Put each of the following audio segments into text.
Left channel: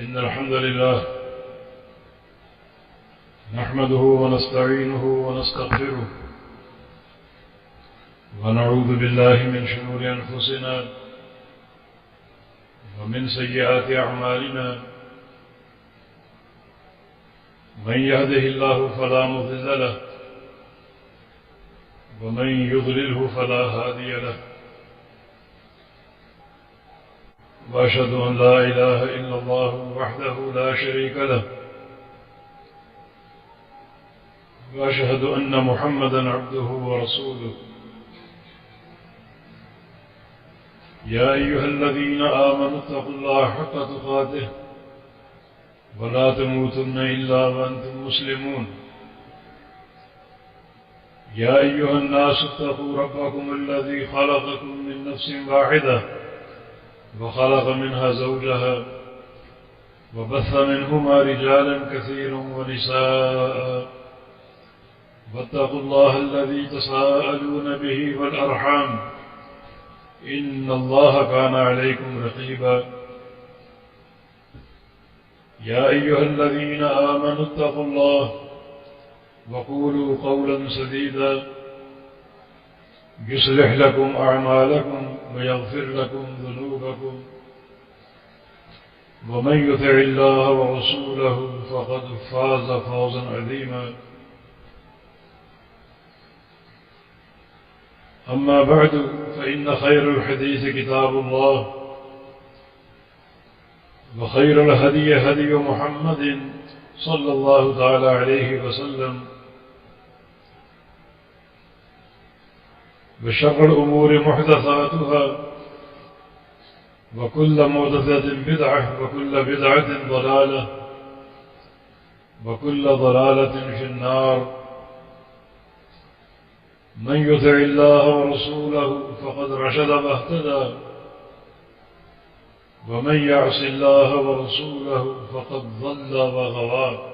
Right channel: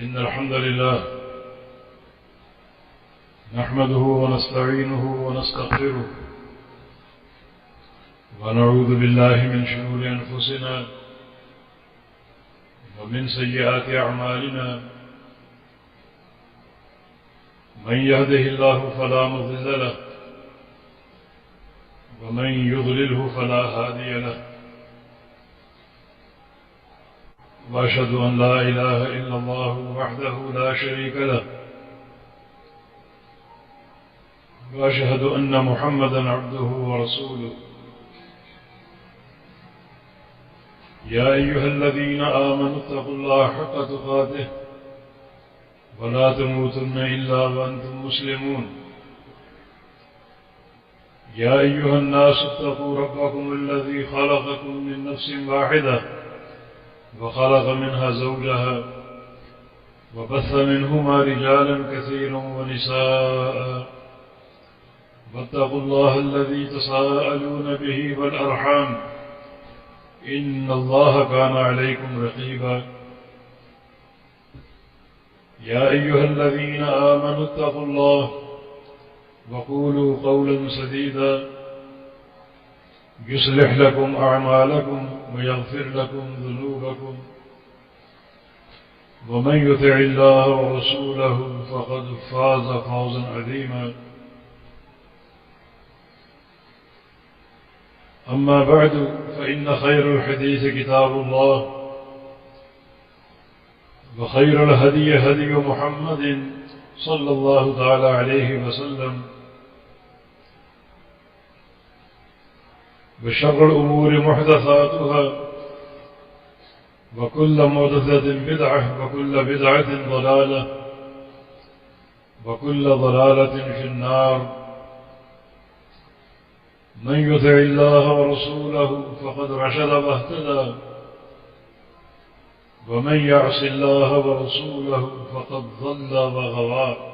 إن الحمد لله نحمده ونستعينه ونستغفره ونعوذ بالله من شرور أنفسنا ومن سيئات أعمالنا من يهده الله فلا مضل له ومن يضلله فلا هادي له وأشهد أن لا إله إلا الله وحده لا شريك له وأشهد أن محمدا عبده ورسوله يا أيها الذين آمنوا اتقوا الله حق تقاته ولا تموتن إلا وأنتم مسلمون يا أيها الناس اتقوا ربكم الذي خلقكم من نفس واحدة وخلق منها زوجها وبث منهما رجالا كثيرا ونساء واتقوا الله الذي تساءلون به والأرحام إن الله كان عليكم رقيبا يا أيها الذين آمنوا اتقوا الله وقولوا قولا سديدا يصلح لكم أعمالكم ويغفر لكم ذنوبكم ومن يطع الله ورسوله فقد فاز فوزا عظيما أما بعد فإن خير الحديث كتاب الله وخير الهدي هدي محمد صلى الله تعالى عليه وسلم وشر الأمور محدثاتها وكل محدثة بدعة وكل بدعة ضلالة وكل ضلالة في النار من يطع الله ورسوله فقد رشد واهتدى ومن يعص الله ورسوله فقد ضل وغوى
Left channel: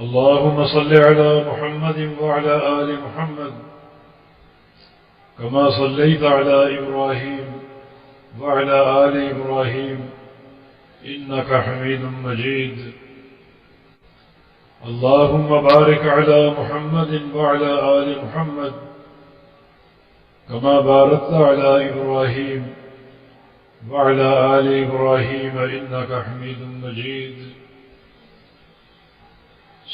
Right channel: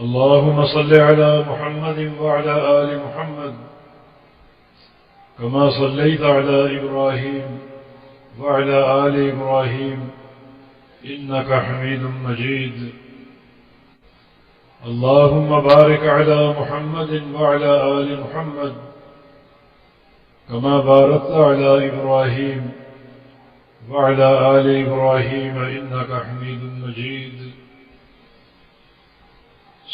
اللهم صل على محمد وعلى آل محمد كما صليت على إبراهيم وعلى آل إبراهيم إنك حميد مجيد اللهم بارك على محمد وعلى آل محمد كما باركت على إبراهيم وعلى آل إبراهيم إنك حميد مجيد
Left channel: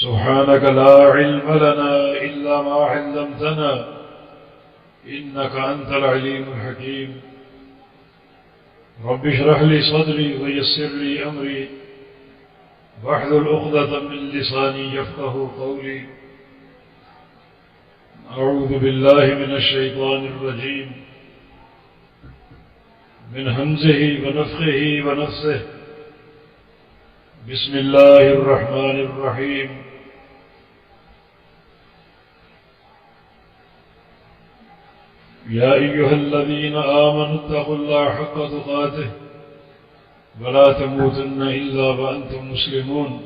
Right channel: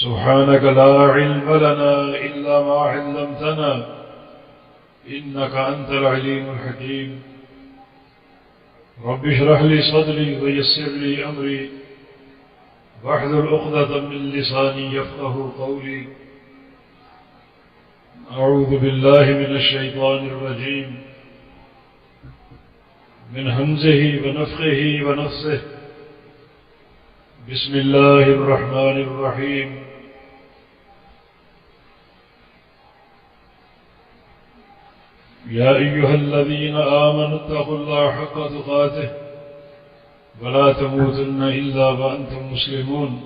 سبحانك لا علم لنا إلا ما علمتنا إنك أنت العليم الحكيم رب اشرح لي صدري ويسر لي أمري واحلل عقدة من لساني يفقه قولي أعوذ بالله من الشيطان الرجيم من همزه ونفخه ونفثه بسم الله الرحمن الرحيم يا أيها الذين آمنوا اتقوا الله حق تقاته ولا تموتن إلا وأنتم مسلمون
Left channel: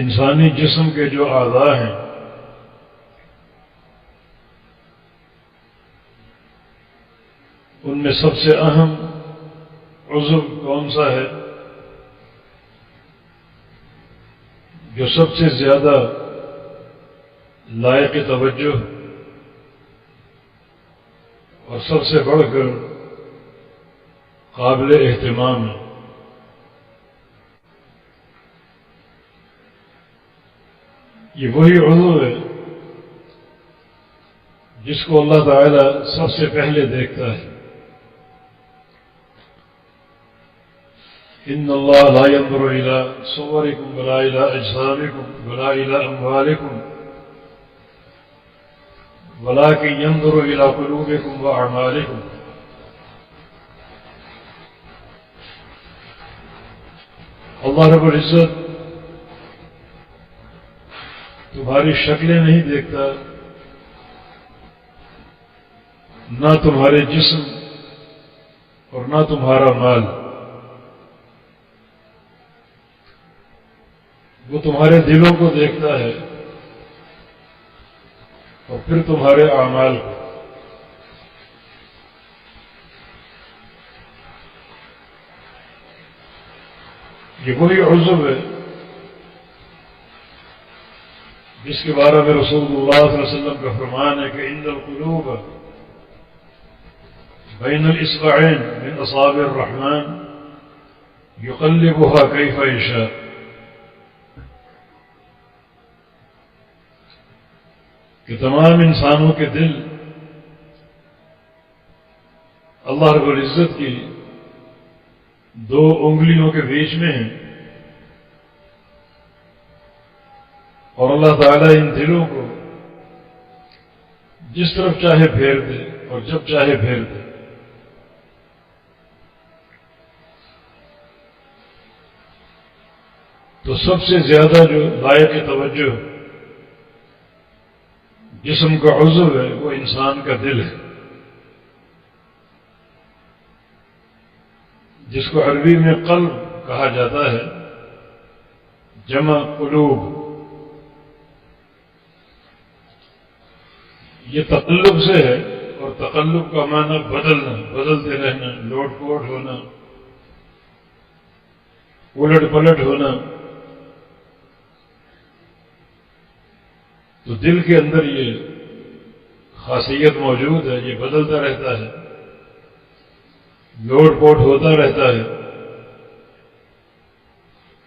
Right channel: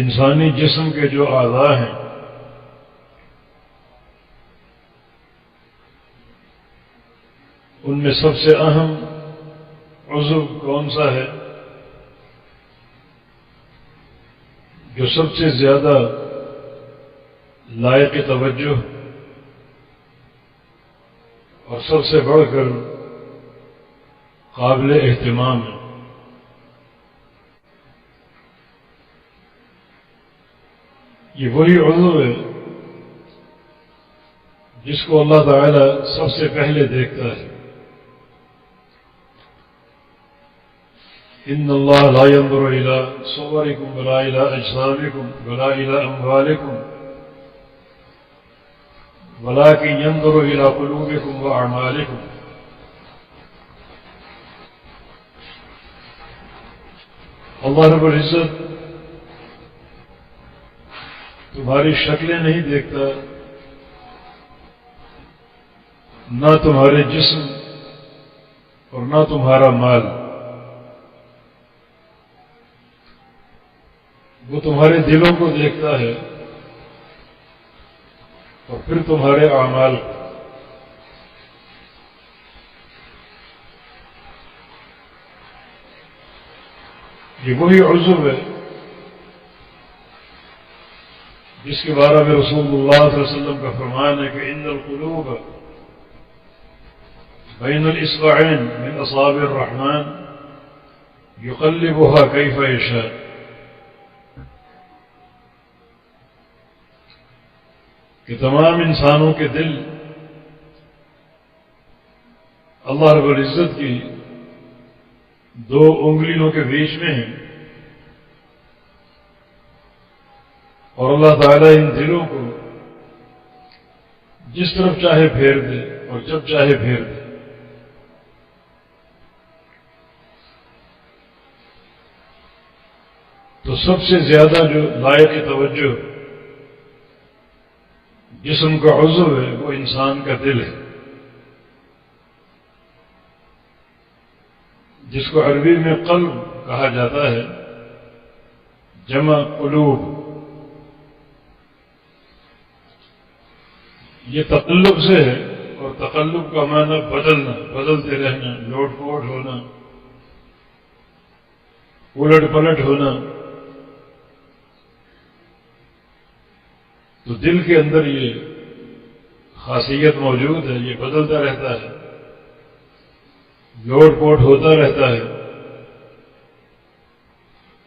انسانی جسم کے جو اعضاء ہیں ان میں سب سے اہم عضو کون سا ہے جو سب سے زیادہ لائق توجہ اور سب سے بڑھ کر قابل اہتمام ہے؟ یہ وہی عضو ہے جس کو اللہ تعالی سب سے پہلے دیکھتا ہے۔ ان اللہ لا ينظر الى صوركم ولا الى اجسامكم ولا الى اموالكم ولكن ينظر الى قلوبكم واعمالكم۔ اللہ رب العزت تمہاری شکلیں نہیں دیکھتا، نہ تمہارے جسم اور نہ تمہارا مال، وہ تمہارے دلوں کو دیکھتا ہے اور پھر تمہارے اعمال کو. یہ وہی عضو ہے جس کے بارے میں رسول اللہ صلی اللہ علیہ وسلم کا فرمان ہے کہ ان القلوب بین الاصبعین من اصابع الرحمن یقلبها کیف یشاء. کہ تمام انسانوں کے دل اللہ رب العزت کی دو انگلیوں کے بیچ میں ہیں، اور اللہ تعالیٰ ان دلوں کو جس طرف چاہے پھیر دے اور جب چاہے پھیر دے. تو سب سے زیادہ جو لائق توجہ جسم کا عضو ہے وہ انسان کا دل ہے، جس کو عربی میں قلب کہا جاتا ہے، جمع قلوب. یہ تقلب سے ہے، اور تقلب کا معنی بدلنا، بدلتے رہنا، لوٹ پوٹ ہونا، الٹ پلٹ ہونا. تو دل کے اندر یہ خاصیت موجود ہے، یہ بدلتا رہتا ہے، لوٹ پوٹ ہوتا رہتا ہے،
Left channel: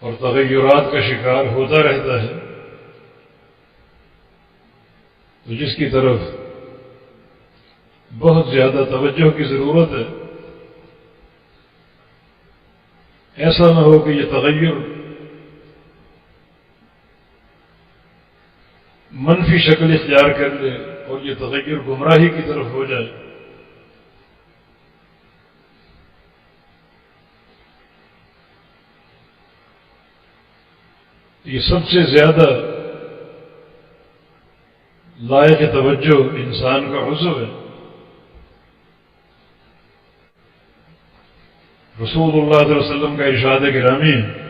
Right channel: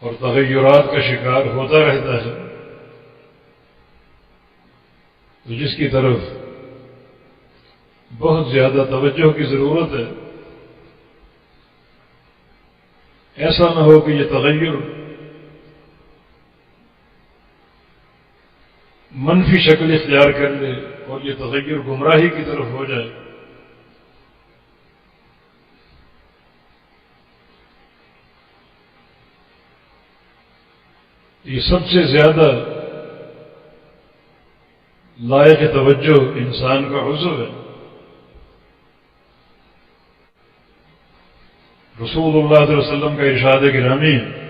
اور تغیرات کا شکار ہوتا رہتا ہے. تو جس کی طرف بہت زیادہ توجہ کی ضرورت ہے. ایسا نہ ہو کہ یہ تغیر منفی شکل اختیار کر لے اور یہ تغیر گمراہی کی طرف ہو جائے. یہ سب سے زیادہ لائق توجہ انسان کا عضو ہے. رسول اللہ صلی اللہ علیہ وسلم کا ارشاد گرامی ہے،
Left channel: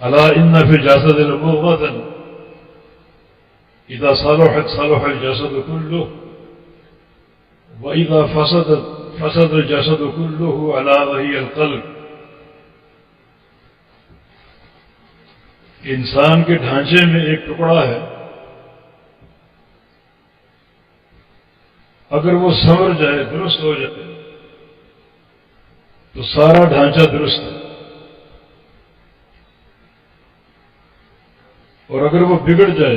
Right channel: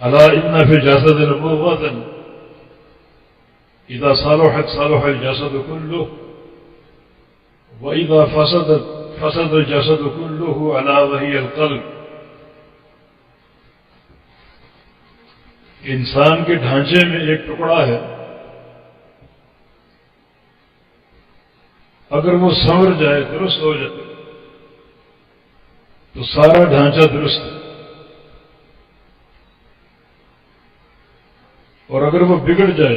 الا ان فی الجسد مضغۃ اذا صلحت صلح الجسد كله واذا فسدت فسد الجسد كله الا وهي القلب. انسان کے ڈھانچے میں ایک ٹکڑا ہے، اگر وہ سنور جائے، درست ہو جائے تو سارا ڈھانچہ درست ہے، اور اگر وہ بگڑ جائے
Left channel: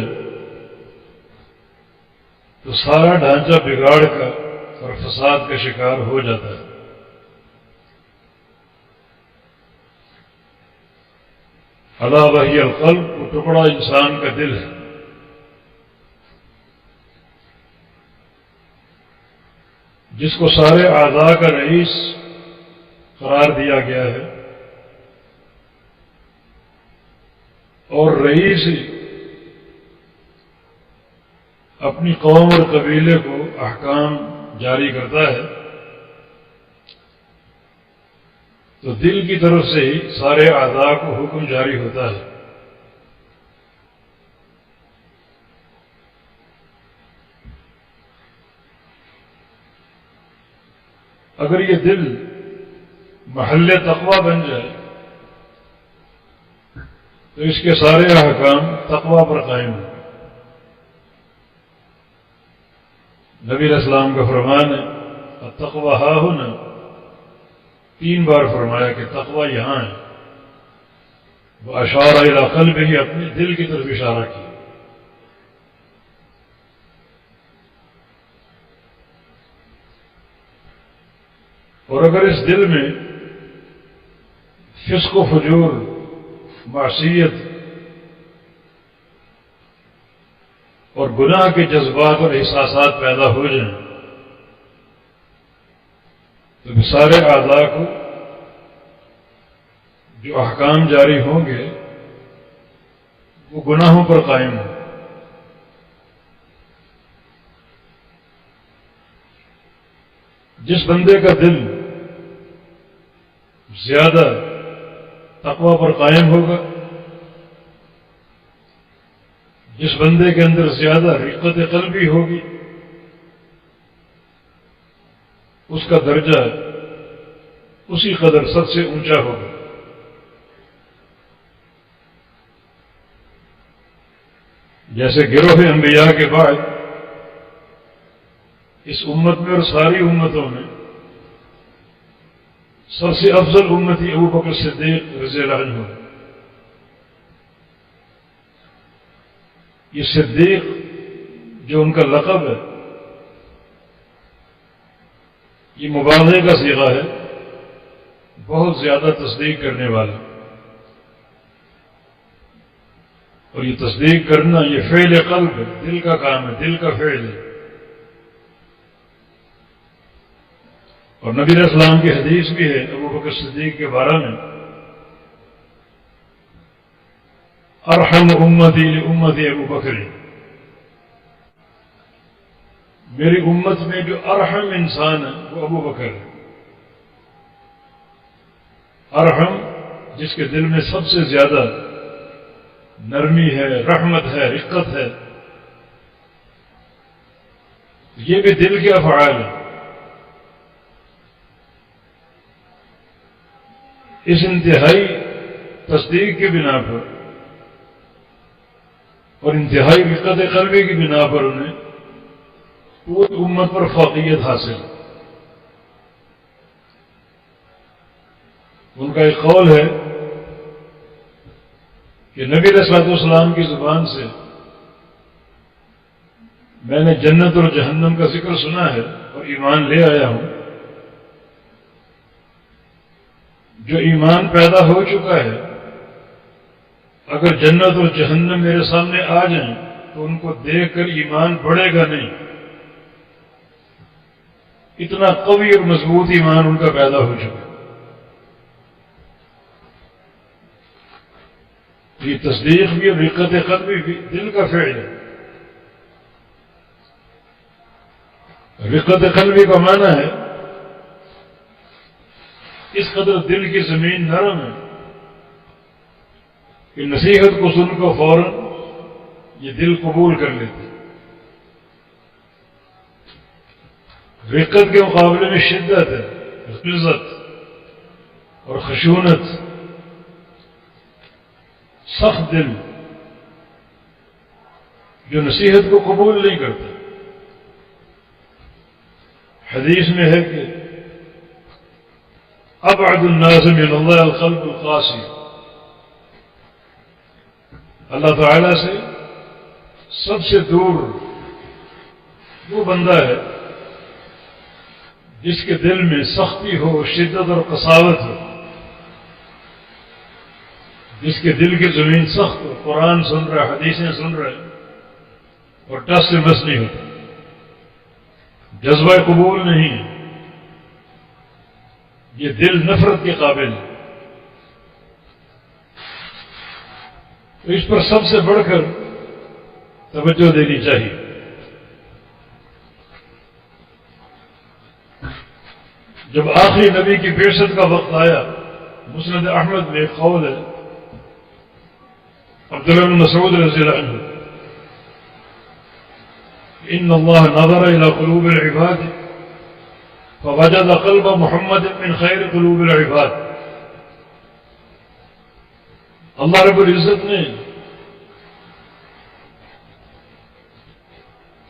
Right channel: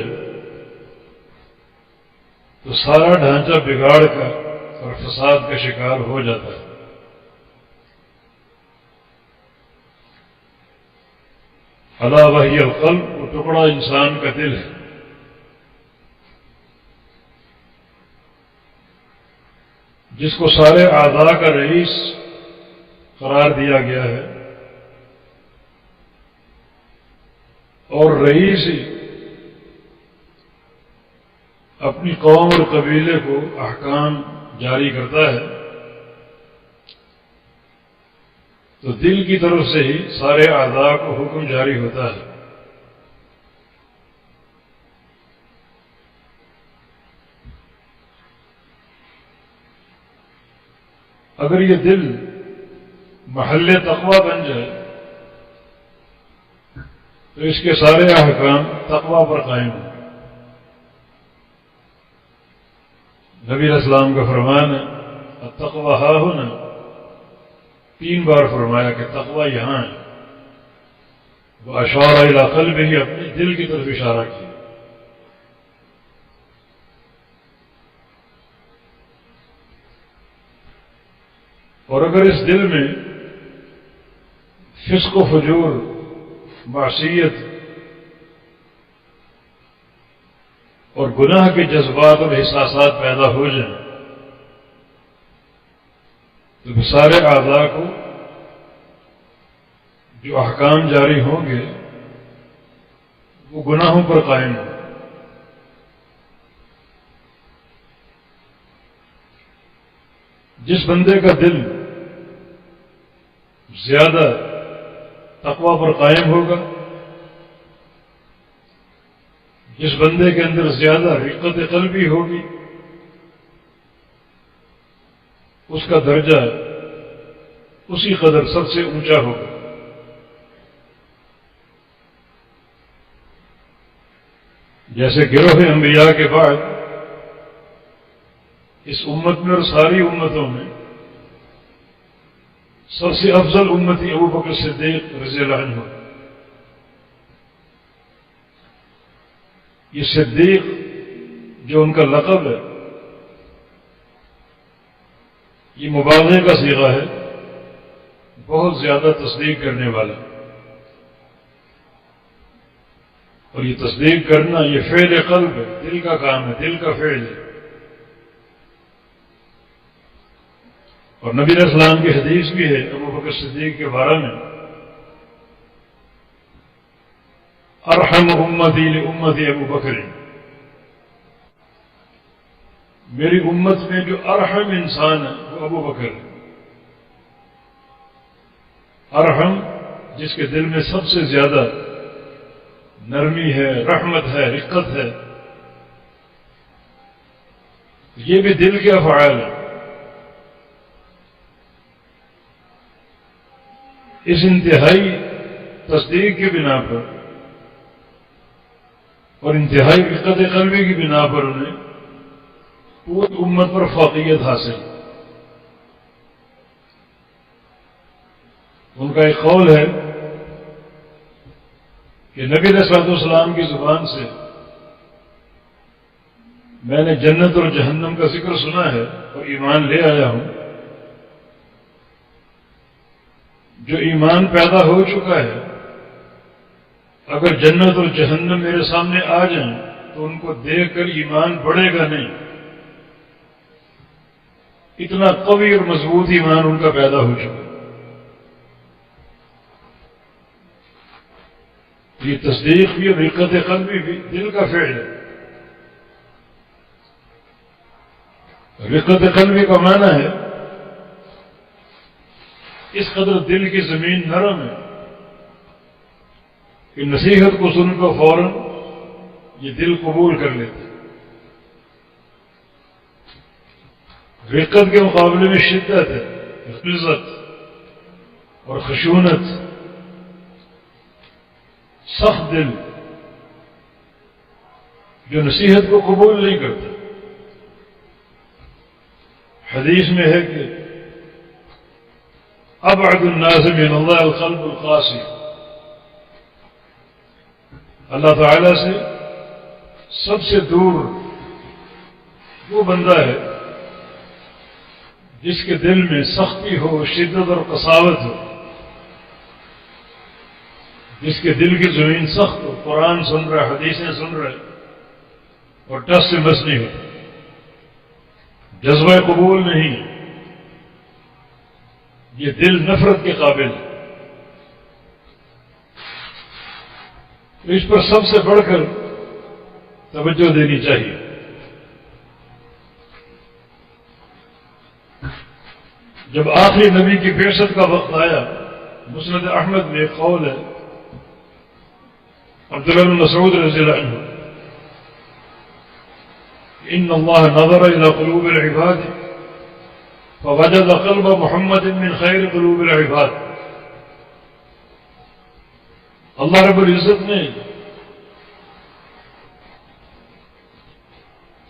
تو سارا ڈھانچہ بگاڑ کا اور فساد کا شکار ہو جاتا ہے. الا وہی القلب، وہ ٹکڑا انسان کا دل ہے. جس کو سارے اعضاء کا رئیس قرار دیا گیا ہے، اور رئیس ہی اپنی قوم اور قبیلے کو احکام جاری کرتا ہے. تو دل کی طرف سے ہی سارے اعضاء کو حکم جاری ہوتا ہے. اگر یہ دل محل تقوی بن جائے تو اس کے سارے احکام تقوی پر قائم ہوں. نبی علیہ السلام کا فرمان ہے التقوی ہا ہونا، 3 بار فرمایا کہ تقوی یہاں ہے. وہ اشارہ الی قلبہ، ہی اپنے دل کی طرف اشارہ کیا. اور اگر اس دل میں فسق و فجور، معصیت اور گناہ کے جذبات اور احساسات پیدا ہو جائیں تو سارے اعضاء کو جو احکام جاری ہوں گے وہ گناہوں پر قائم ہوں. جس بندے کا دل زیادہ تقوی پر قائم ہوگا جس بندے کے اندر زیادہ رقت قلبی ہوگی اس کا درجہ اسی قدر سب سے اونچا ہوگا. جیسے گروہ انبیاء کے بعد اس امت میں اور ساری امتوں میں سب سے افضل امتی ابو بکر صدیق رضی اللہ عنہ. یہ صدیق جو ان کا لقب ہے یہ مبالغے کا صیغہ ہے، بہت زیادہ تصدیق کرنے والا. اور یہ تصدیق کرنا یہ فعل قلب ہے، دل کا کام ہے، دل کا فعل ہے. اور نبی علیہ السلام کی حدیث بھی ہے ابو بکر صدیق کے بارے میں، ارحم امتی لامتی ابو بکر، میری امت میں جو ارحم انسان ہے وہ ابو بکر ہے. ارحم جس کے دل میں سب سے زیادہ نرمی ہے، رحمت ہے، رقت ہے. یہ بھی دل کے افعال ہیں. اس انتہائی تصدیق کی بنا پر اور انتہائی رقت قلبی کی بنا پر انہیں پوری امت پر فوقیت حاصل. ان کا ایک قول ہے کہ نبی علیہ الصلوۃ والسلام کی زبان سے میں نے جنت اور جہنم کا ذکر سنا ہے اور ایمان لے آیا ہوں. جو ایمان پیدا ہو چکا ہے اگر جنت اور جہنم میرے سامنے آ جائیں تو ان کو دیکھ کر ایمان بڑھے گا نہیں. اتنا قوی اور مضبوط ایمان ان کا پیدا ہو چکا ہے. یہ تصدیق بھی اور رقت قلبی بھی دل کا فعل ہے. رقت قلبی کا معنی ہے اس قدر دل کی زمین نرم ہے کہ نصیحت کو سن کر فوراً یہ دل قبول کر لیتے. رقت کے مقابلے میں شدت ہے، غلظت اور خشونت. سخت دل جو نصیحت کو قبول نہیں کرتا. حدیث میں ہے کہ ابعد الناس من اللہ القلب القاسي، اللہ تعالی سے سب سے دور وہ بندہ ہے جس کے دل میں سختی ہو، شدت اور قساوت ہو، جس کے دل کی زمین سخت ہو، قرآن سن رہا ہے، حدیثیں سن رہے اور ٹس سے مس نہیں ہوتا، جذبہ قبول نہیں ہے. یہ دل نفرت کے قابل ہے. تو اس پر سب سے بڑھ کر توجہ دینی چاہیے. جب آخری نبی کی بعثت کا وقت آیا، مسند احمد میں ایک قول ہے عبداللہ بن مسعود رضی اللہ عنہ، ان اللہ نظر الى قلوب العباد فوجد قلب محمد من خیر قلوب العباد. اللہ رب العزت نے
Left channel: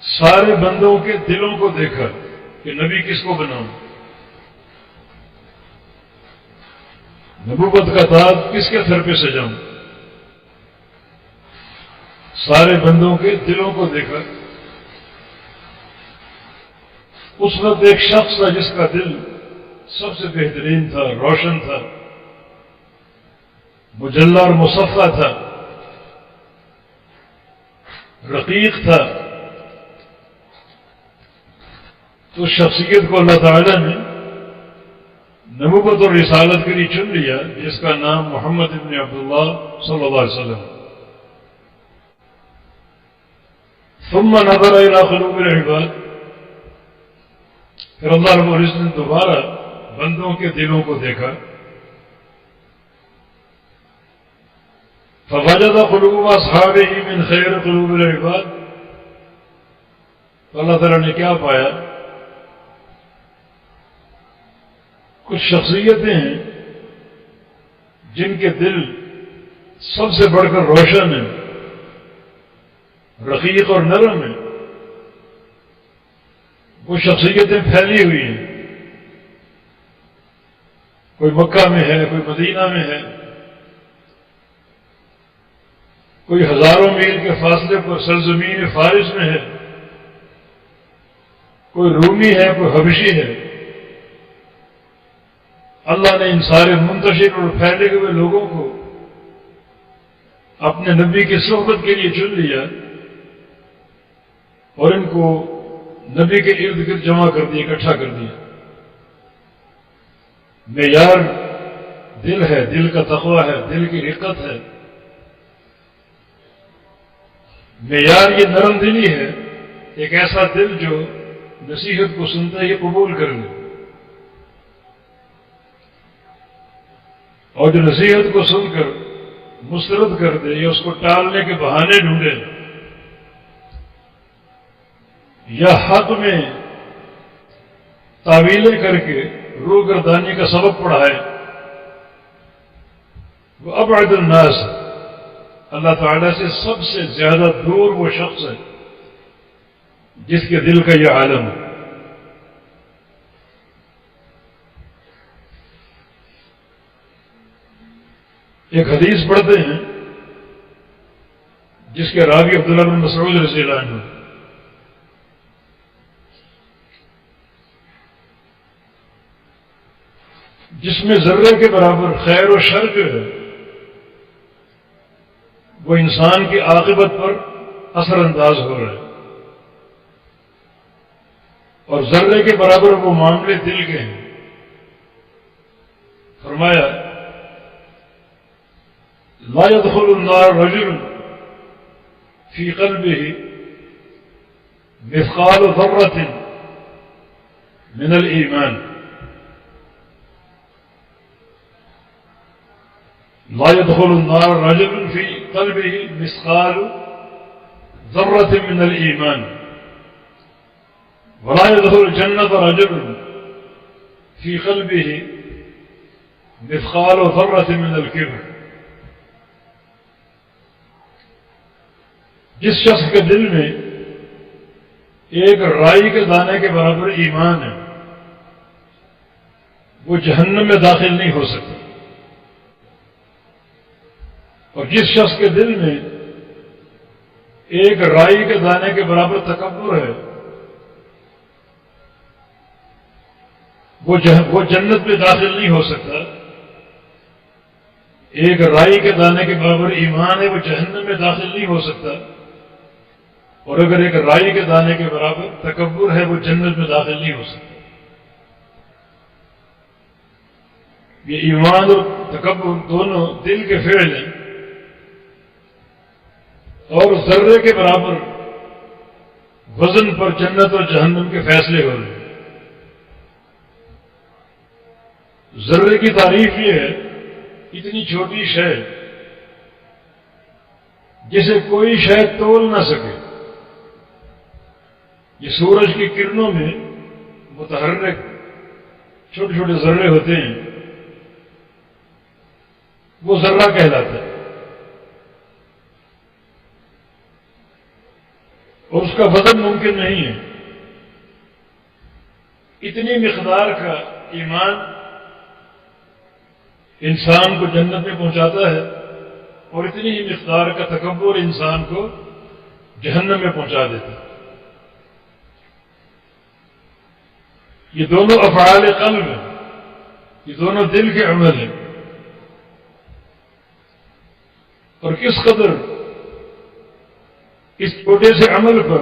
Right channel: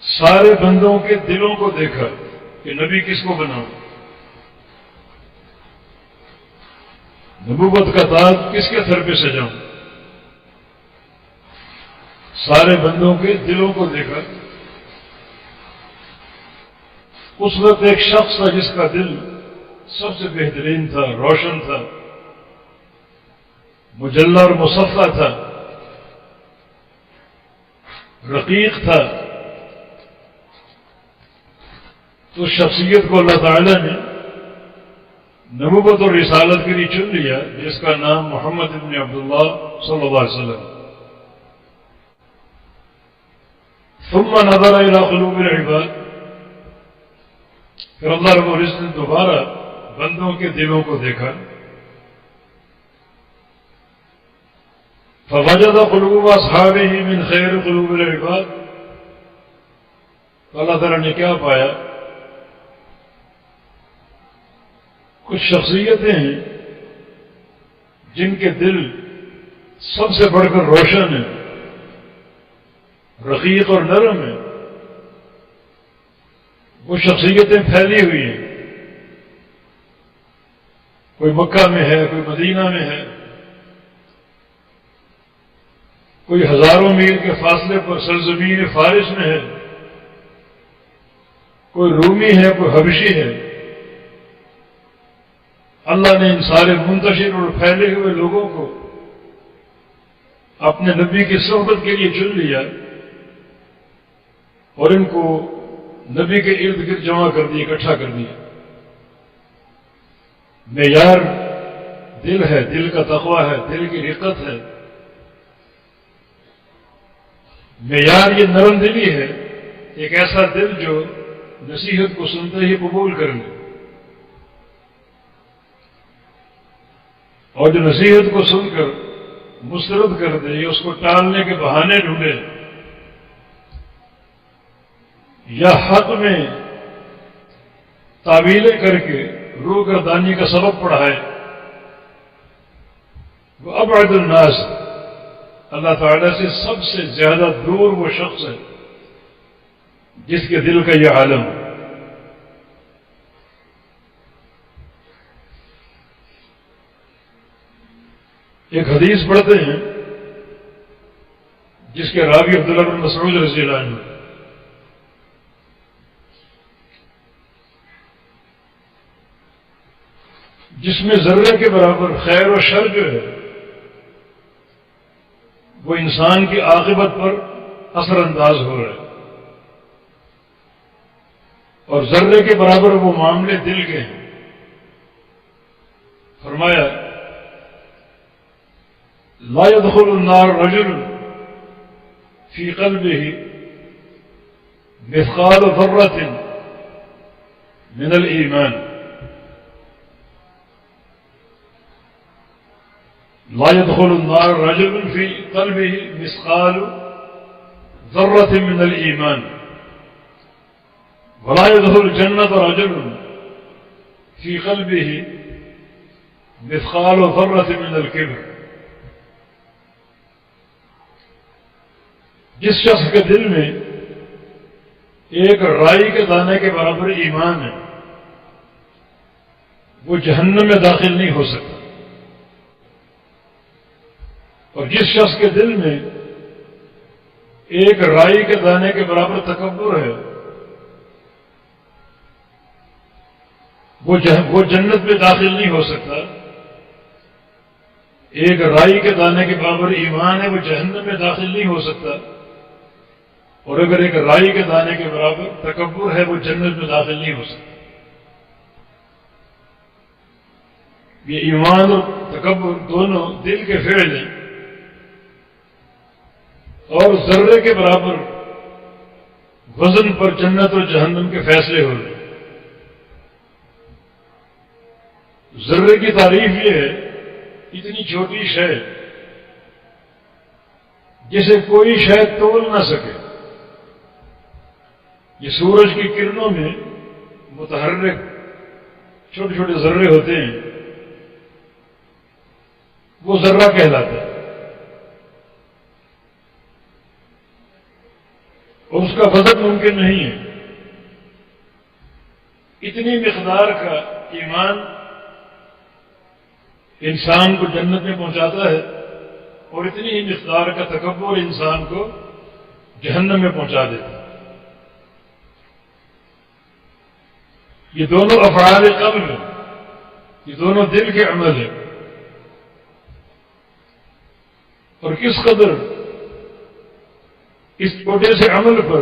سارے بندوں کے دلوں کو دیکھا کہ نبی کس کو بناؤں، نبوت کا تاج کس کے سر پہ سجاؤں. سارے بندوں کے دلوں کو دیکھا. اس وقت ایک شخص تھا جس کا دل سب سے بہترین تھا، روشن تھا، مجلہ اور مصفہ تھا، رقیق تھا. تو شخصیت کو اللہ تعالی نے نبوت اور رسالت کے لیے چن لیا جس کا نام محمد ابن عبداللہ صلی اللہ علیہ وسلم. ثم نظر الى قلوب العباد، پھر اللہ رب العزت نے دوبارہ بندوں کے دلوں کو دیکھا. فوجد قلوب اصحابہ من خیر قلوب العباد، تو اللہ تعالیٰ نے کیا پایا؟ کچھ شخصیتیں ہیں جن کے دل سب سے بڑھ کر روشن ہیں، رقیق اور نرم ہیں، وہ شخصیتیں پھیلی ہوئی ہیں، کوئی مکہ میں ہے، کوئی مدینہ میں ہے، کوئی ہزاروں میل کے فاصلے پر سرزمین فارس میں ہے، کوئی رومی ہے، کوئی حبشی ہے۔ اللہ نے ان سارے منتشر اور پھیلے ہوئے لوگوں کو اپنے نبی کی صحبت کے لیے چن لیا اور ان کو نبی کے ارد گرد جمع کر دیا، اکٹھا کر دیا۔ معیار دل ہے، دل کا تقویٰ ہے، دل کی رقت ہے، معیار یہ نرم دلی ہے، ایک ایسا دل جو نصیحت کو سنتے ہی قبول کر لے، اور جو نصیحت کو سن کر مسترد کر دے یا اس کو ٹالنے کے بہانے ڈھونڈے یا حق میں تعویلیں کر کے روگردانی کا سبب پڑھائے، وہ ابعد الناس، اللہ تعالیٰ سے سب سے زیادہ دور وہ شخص ہے جس کے دل کا یہ عالم ہے۔ ایک حدیث پڑھتے ہیں جس کے راوی عبداللہ بن مسعود رضی اللہ عنہ، جس میں ذرے کے برابر خیر و شر جو ہے وہ انسان کی عاقبت پر اثر انداز ہو رہا ہے، اور ذرے کے برابر وہ معاملے دل کے ہیں۔ فرمایا لا يدخل النار رجل في قلبه مثقال ذرة من الإيمان، لا يدخل النار رجل في قلبه مثقال ذرة من الإيمان، ولا يدخل الجنة رجل في قلبه مثقال ذرة من الكبر۔ جس شخص کے دل میں ایک رائی کے دانے کے برابر ایمان ہے وہ جہنم میں داخل نہیں ہو سکتا، اور جس شخص کے دل میں ایک رائی کے دانے کے برابر تکبر ہے وہ جنت میں داخل نہیں ہو سکتا۔ ایک رائی کے دانے کے برابر ایمان ہے وہ جہنم میں داخل نہیں ہو سکتا، اور اگر ایک رائی کے دانے کے برابر تکبر ہے وہ جنت میں داخل نہیں ہو سکتا۔ یہ ایمان اور تکبر دونوں دل کے فعل ہیں، اور ذرے کے برابر وزن پر جنت اور جہنم کے فیصلے ہو رہے ہیں۔ ذرے کی تعریف یہ ہے اتنی چھوٹی شے جسے کوئی شے تول نہ سکے، یہ سورج کی کرنوں میں متحرک چھوٹے چھوٹے ذرے ہوتے ہیں، وہ ذرہ کہلاتا ہے، اور اس کا وزن ممکن نہیں ہے۔ اتنی مقدار کا ایمان انسان کو جنت میں پہنچاتا ہے، اور اتنی ہی مقدار کا تکبر انسان کو جہنم میں پہنچا دیتا ہے۔ یہ دونوں افعال قلب ہیں، یہ دونوں دل کے عمل ہیں، اور کس قدر اس چھوٹے سے عمل پر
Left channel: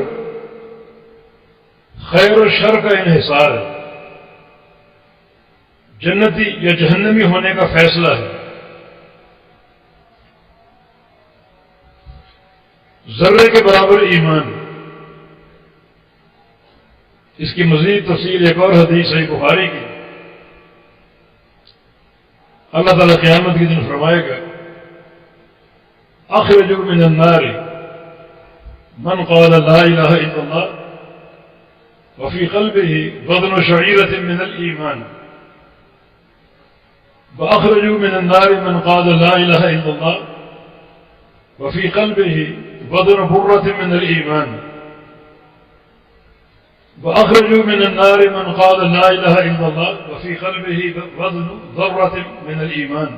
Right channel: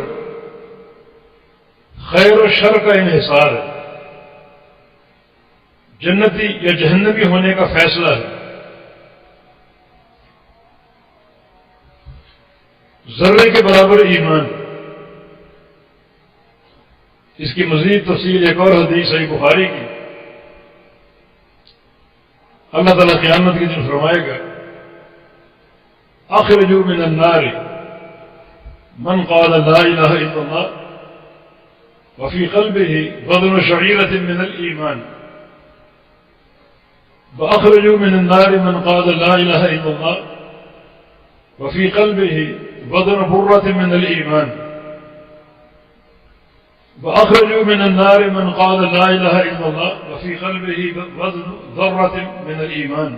خیر و شر کا انحصار ہے، جنتی یا جہنمی ہونے کا فیصلہ ہے۔ ذرے کے برابر ایمان، اس کی مزید تفصیل ایک اور حدیث صحیح بخاری کی، اللہ تعالیٰ قیامت کے دن فرمائے گا اخرجوا من النار من قال لا الہ الا اللہ وفی قلبہ وزن شعیرۃ من الایمان واخرجوا من النار من قال لا الہ الا اللہ وفی قلبہ وزن برۃ من الایمان واخرجوا من النار من قال لا الہ الا اللہ وفی قلبہ وزن ذرۃ من الایمان.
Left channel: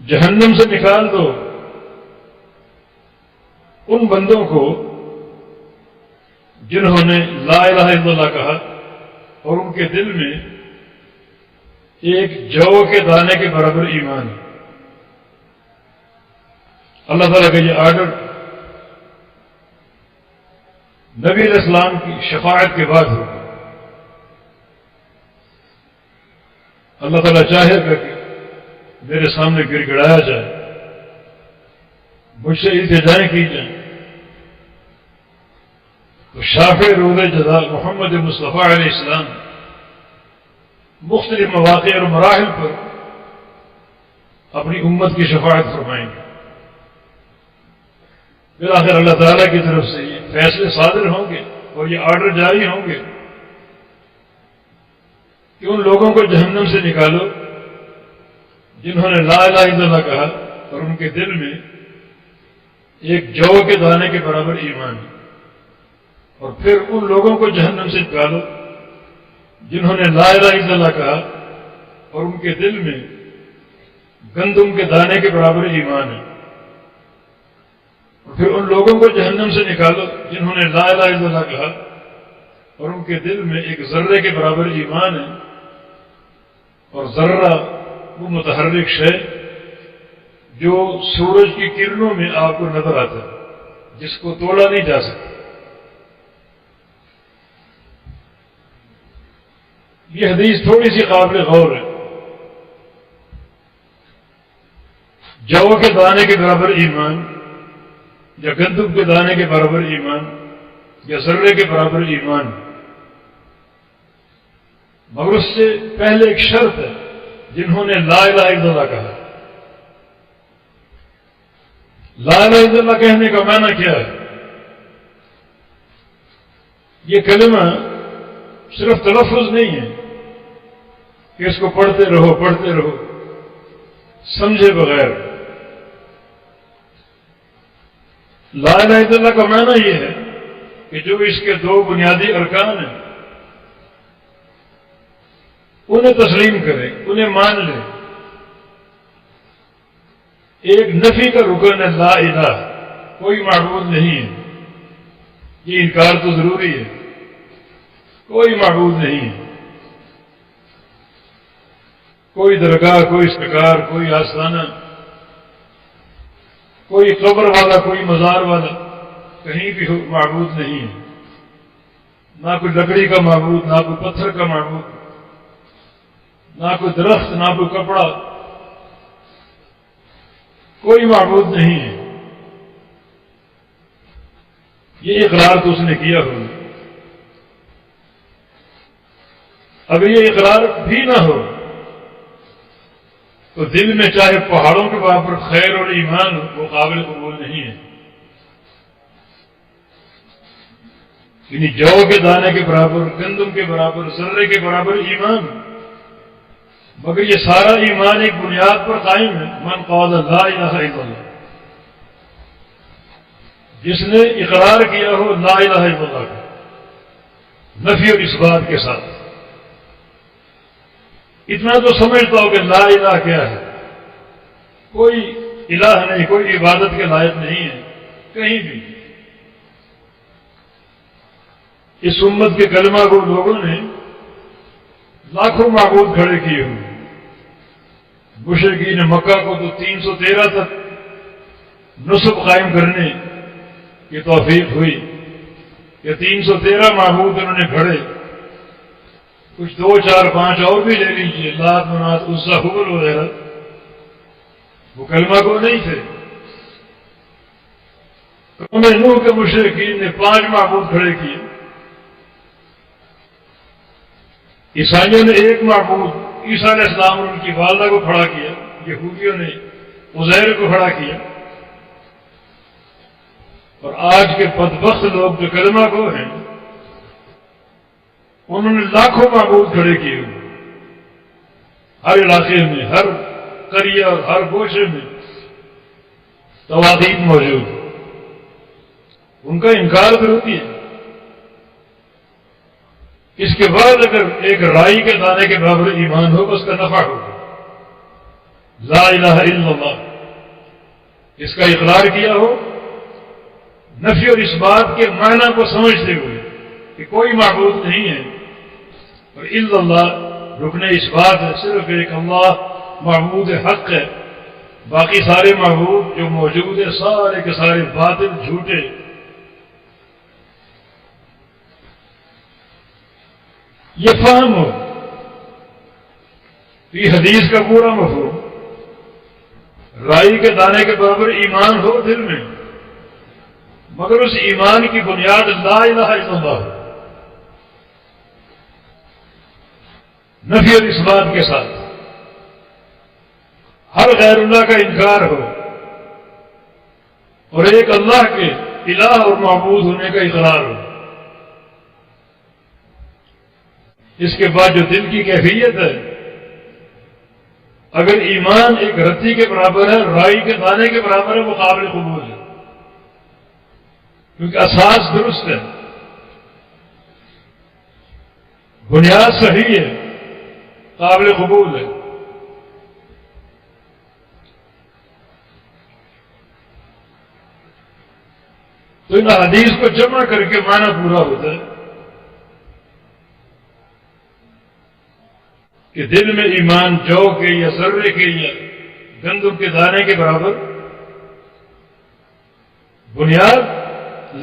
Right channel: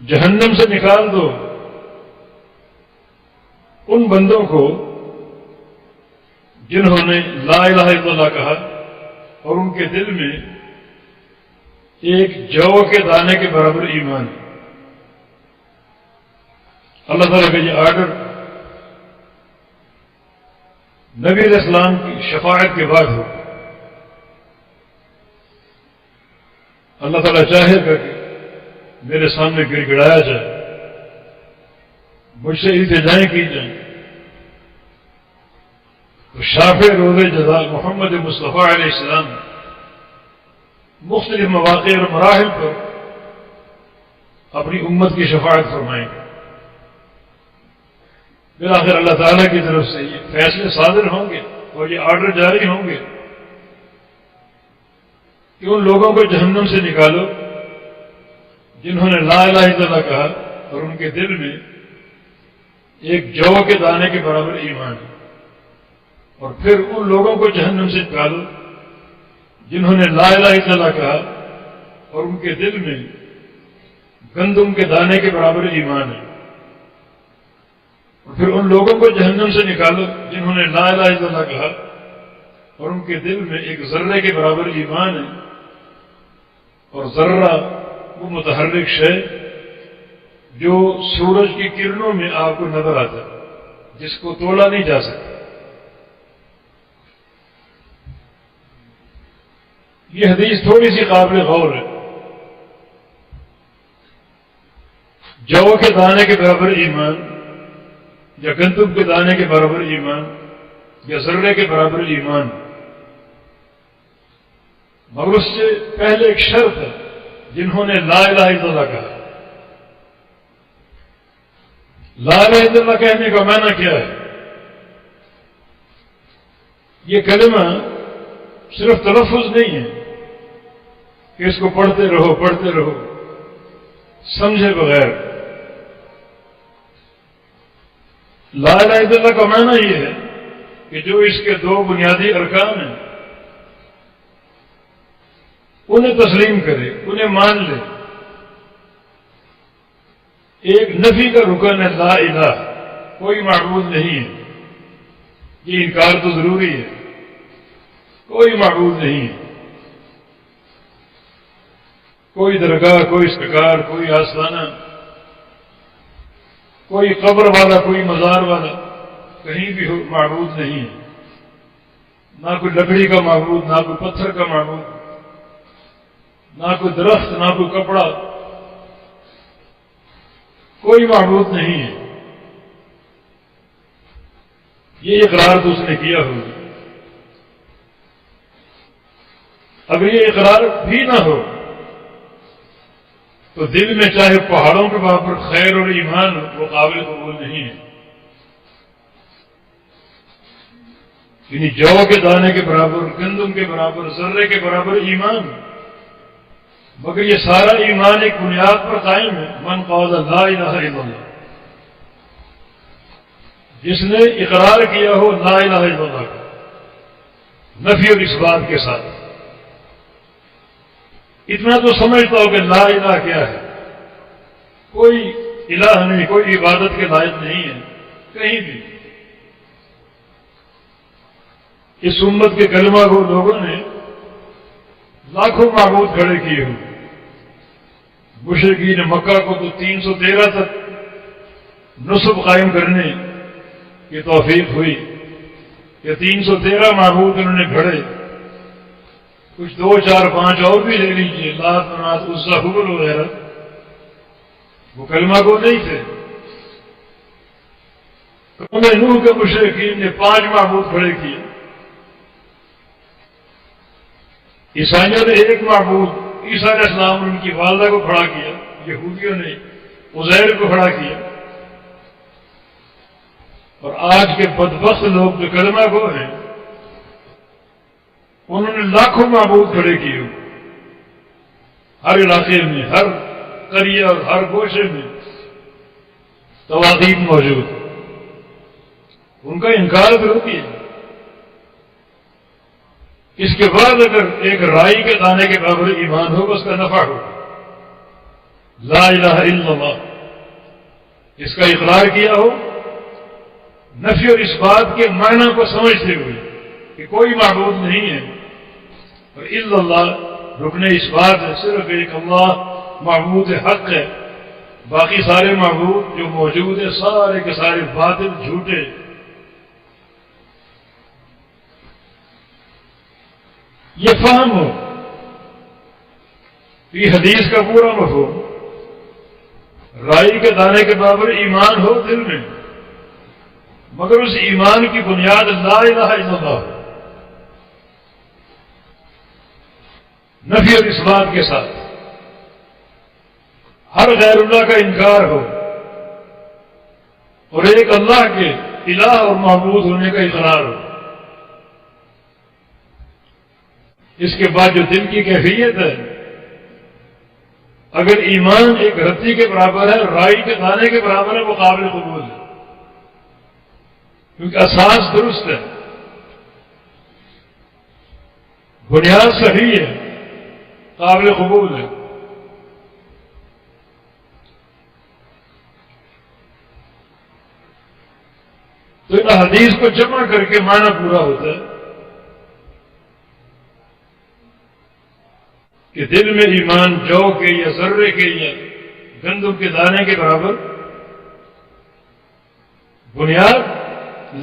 جہنم سے نکال دو ان بندوں کو جنہوں نے لا الہ الا اللہ کہا اور ان کے دل میں ایک جو کے دانے کے برابر ایمان ہے. اللہ تعالیٰ کا یہ آرڈر نبی علیہ السلام کی شفاعت کے بعد ہوگا. اللہ تعالیٰ چاہے گا کہ میرے سامنے گر گڑایا جائے, مجھ سے التجائیں کی جائیں, تو شافع روز جزا محمد مصطفیٰ علیہ السلام مختلف مواقع اور مراحل پر اپنی امت کی شفاعت فرمائیں گے. بالآخر اللہ تعالیٰ کی طرف سے یہ فیصلے صادر ہوں گے اور یہ آرڈر جاری ہوں گے کہ ان لوگوں کو جہنم سے نکالو جنہوں نے لا الہ الا اللہ کہا اور ان کے دل میں ایک جو کے دانے کے برابر ایمان ہے, اور پھر ان لوگوں کو جہنم سے نکالو جنہوں نے لا الہ الا اللہ کہا اور ان کے دل میں گندم کے دانے کے برابر ایمان ہے, اور پھر ان لوگوں کو جہنم سے نکالو جنہوں نے لا الہ الا اللہ کہا اور ان کے دل میں ایک ذرے کے برابر ایمان ہے, اور ذرہ وہ متحرک شے جو سورج کی کرنوں میں آپ کو نظر آتا ہے, جس کو تولا نہیں جا سکتا. یہ حدیث تھوڑی سی قابل غور ہے. جو کے دانے کے برابر ایمان یا گندم کے دانے کے برابر ایمان یا ذرے کے برابر ایمان, مگر اس سے پہلے ایک شرط ہے جنہوں نے لا الہ الا اللہ کہا. لا الہ الا اللہ کہنے کا معنی کیا ہے؟ یہ کلمہ صرف تلفظ نہیں ہے کہ اس کو پڑھتے رہو سمجھے بغیر. لا الہ الا اللہ کا معنی یہ ہے کہ جو اس کے دو بنیادی ارکان ہیں انہیں تسلیم کرے, انہیں مان لے. ایک نفی کا رکن ہے لا الہ, کوئی معبود نہیں ہے. یہ انکار تو ضروری ہے, کوئی معبود نہیں ہے. کوئی درگاہ, کوئی سرکار, کوئی آستانہ, کوئی قبر والا, کوئی مزار والا کہیں بھی معبود نہیں ہے. نہ کوئی لکڑی کا معبود, نہ کوئی پتھر کا معبود, نہ کوئی درخت, نہ کوئی کپڑا, کوئی معبود نہیں ہے. یہ اقرار تو اس نے کیا ہو. اگر یہ اقرار بھی نہ ہو تو دل میں چاہے پہاڑوں کے برابر خیر اور ایمان ہو, وہ قابل قبول نہیں ہے. یعنی جو کے دانے کے برابر, گندم کے برابر, ذرے کے برابر ایمان, مگر یہ سارا ایمان ایک بنیاد پر قائم ہے. من قال لا الہ الا اللہ, جس نے اقرار کیا ہو لا الہ الا اللہ کا نفی اور اثبات کے ساتھ. اتنا تو سمجھتا ہو کہ لا الہ کیا ہے, کوئی الہ نہیں, کوئی عبادت کے لائق نہیں ہے کہیں بھی. اس امت کے کلمہ کو لوگوں نے لاکھوں معبود کھڑے کیے ہوں. مشرکین مکہ کو تو 313 تک نصب قائم کرنے کی توفیق ہوئی کہ 313 معبود انہوں نے کھڑے. کچھ 2 4 5 اور بھی لے لیجیے, لات منات عزا حبل وغیرہ, وہ کلمہ کو نہیں تھے. قوم نوح کے مشرکین نے 5 معبود کھڑے کیے. عیسائیوں نے 1 معبود عیسیٰ علیہ السلام اور ان کی والدہ کو کھڑا کیا، یہودیوں نے عزیر کو کھڑا کیا، اور آج کے بدبخت لوگ جو کلمہ گو ہیں انہوں نے لاکھوں معبود کھڑے کیے ہوئے، ہر علاقے میں، ہر قریہ اور ہر گوشے میں طواغیت موجود، ان کا انکار ضروری ہے۔ اس کے بعد اگر ایک رائی کے دانے کے برابر ایمان ہوگا اس کا نفع ہوگا، لا الہ الا اللہ اس کا اقرار کیا ہو، نفی اور اس بات کے معنی کو سمجھتے ہوئے کہ کوئی معبود نہیں ہے، اور الا اللہ رکن اس بات ہے، صرف ایک اللہ معبود حق ہے، باقی سارے معبود جو موجود ہیں سارے کے سارے باطل جھوٹے۔ یہ فہم ہو، یہ حدیث کا پورا مفہوم، رائی کے دانے کے برابر ایمان ہو دل میں، مگر اس ایمان کی بنیاد لا الہ الا اللہ ہو، نفی اور اثبات کے ساتھ، ہر غیر اللہ کا انکار ہو، اور ایک اللہ کے الہ اور معبود ہونے کا اقرار ہو۔ اس کے بعد جو دل کی کیفیت ہے، اگر ایمان ایک رتی کے برابر ہے، رائی کے دانے کے برابر ہے، وہ قابل قبول ہے، کیونکہ اساس درست ہے، بنیاد صحیح ہے، قابل قبول ہے۔ تو ان حدیث کو جمع کر کے معنی پورا ہوتا ہے کہ دل میں ایمان جو کے یا ذرے کے یا گندم کے دانے کے برابر، بنیاد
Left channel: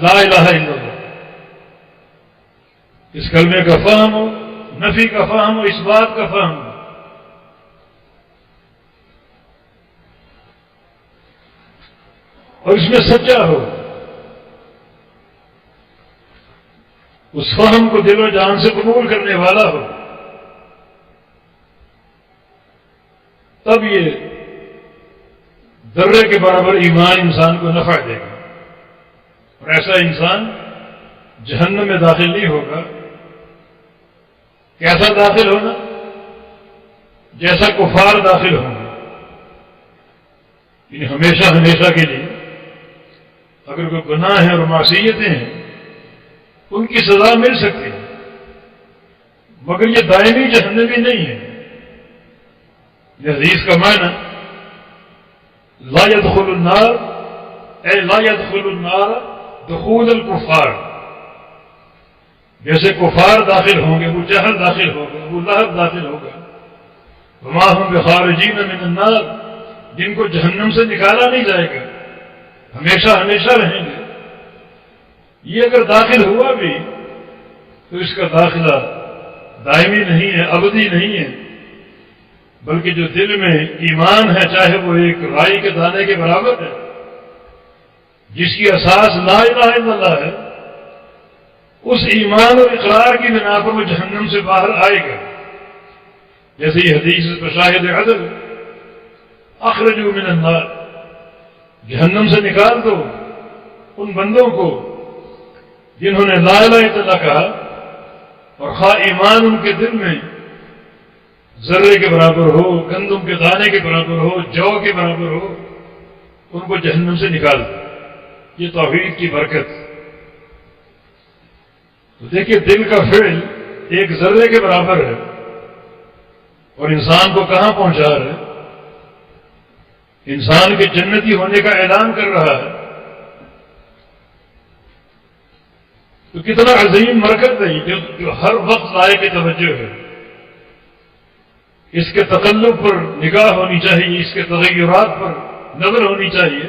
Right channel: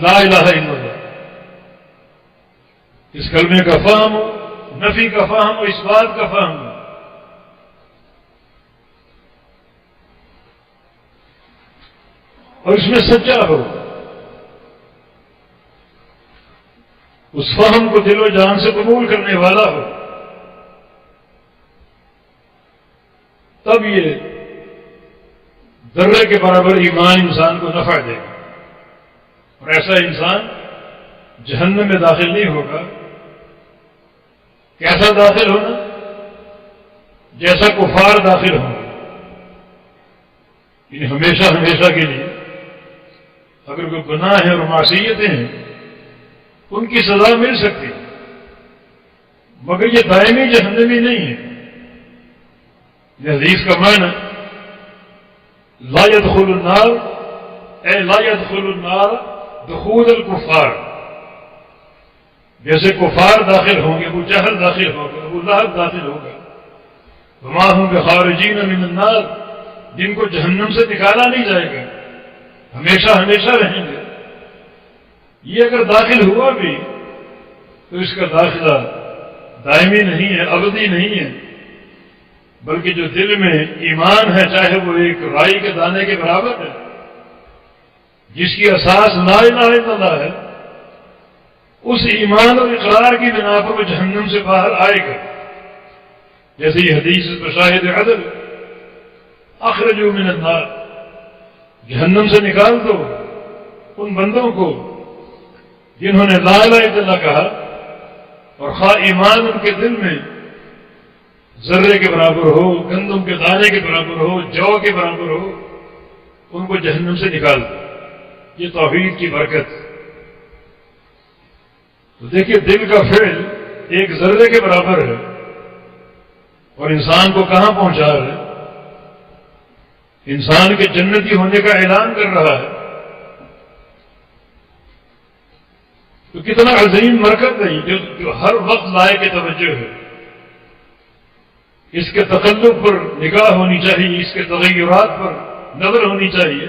لا الہ الا اللہ، اس کلمے کا فہم ہو، نفی کا فہم ہو، اس بات کا فہم ہو۔ اور اس میں سچا ہو، اس فہم کو دل و جان سے قبول کرنے والا ہو، تب یہ ذرے کے برابر ایمان انسان کو نفع دے گا، اور ایسا انسان جہنم میں داخل نہیں ہوگا۔ کیسا داخل ہونا؟ جیسا کفار داخل ہوں گے، یعنی ہمیشہ ہمیشہ کے لیے۔ اگر کوئی گناہ ہے اور معصیتیں ہیں ان کی سزا مل سکتی ہے، مگر یہ دائمی جہنمی نہیں ہے۔ یہ حدیث کا معنی لا يدخل النار اے لا يدخل النار دخول الکفار، جیسے کفار داخل ہوں گے، ابو جہل داخل ہوگا، ابو لہب داخل ہوگا، وما هم بخارجین من النار، جن کو جہنم سے نکالا نہیں جائے گا، ہمیشہ ہمیشہ رہیں گے۔ یہ اگر داخل ہوا بھی تو اس کا داخلہ دائمی نہیں ہے، ابدی نہیں ہے، بلکہ جو دل میں ایمان ہے، چاہے وہ ایک رائی کے دانے کے برابر ہے، جس کی اساس لا الہ الا اللہ ہے، اس ایمان اور اقرار کی بنا پر وہ جہنم سے باہر آئے گا۔ جیسے یہ حدیث پر شاہد عدل، اخرجوا من النار، جہنم سے نکال دو ان بندوں کو جنہوں نے لا الہ الا اللہ کہا، اور خواہ ایمان ان کے دل میں ذرے کے برابر ہو، گندم کے دانے کے برابر ہو، جو کے برابر ہو، ان کو جہنم سے نکال دو۔ یہ توحید کی برکت۔ تو دیکھیے دل کا فعل ایک ذرے کے برابر ہے، اور انسان کو کہاں پہنچا رہا ہے؟ انسان کے جنتی ہونے کا اعلان کر رہا ہے۔ تو کتنا عظیم مرکز ہے جو ہر وقت لائق توجہ ہے۔ اس کے تقلب پر نگاہ ہونی چاہیے، اس کے تغیرات پر نظر ہونی چاہیے،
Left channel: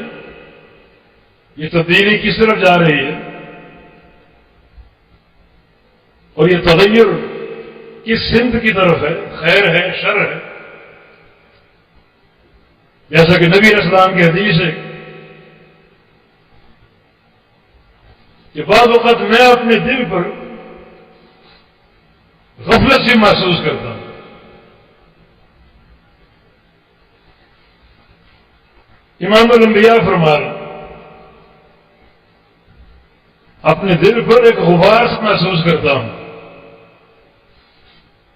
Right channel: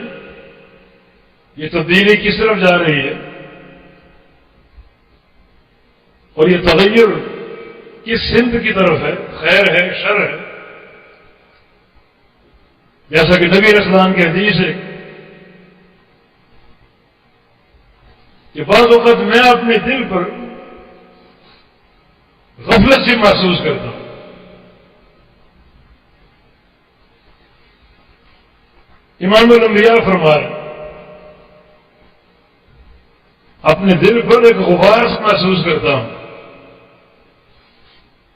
یہ تبدیلی کس طرف جا رہی ہے، اور یہ تغیر کس سمت کی طرف ہے، خیر ہے، شر ہے۔ جیسا کہ نبی علیہ السلام کی حدیث ہے کہ بعض اوقات میں اپنے دل پر غفلت سے محسوس کرتا ہوں، امام الانبیاء فرما رہے اپنے دل پر ایک غبار محسوس کرتا ہوں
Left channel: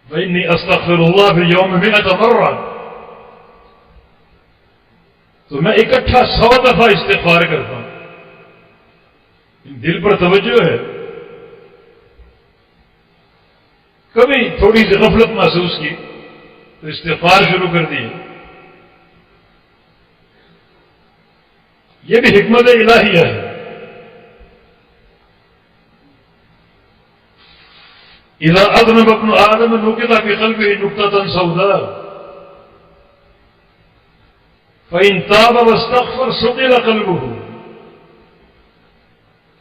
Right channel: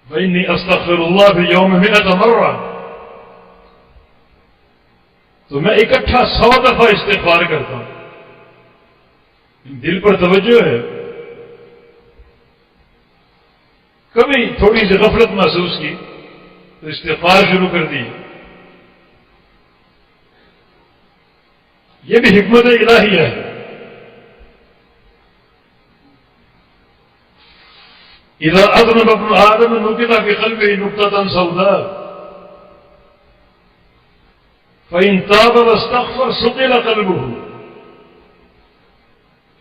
فإنی استغفر اللہ فی اليوم 100 مرہ، تو میں اکٹھا 100 دفعہ استغفار کرتا ہوں. دل پر توجہ ہے. کبھی تھوڑی سی غفلت محسوس کی تو استغفار شروع کر دی. یہ بھی حکمت الہیہ ہے. اذا اذنب ابن آدم نکت فی قلبہ نکتۃ سوداء فإن تاب واستغفر ثقل قلبہ.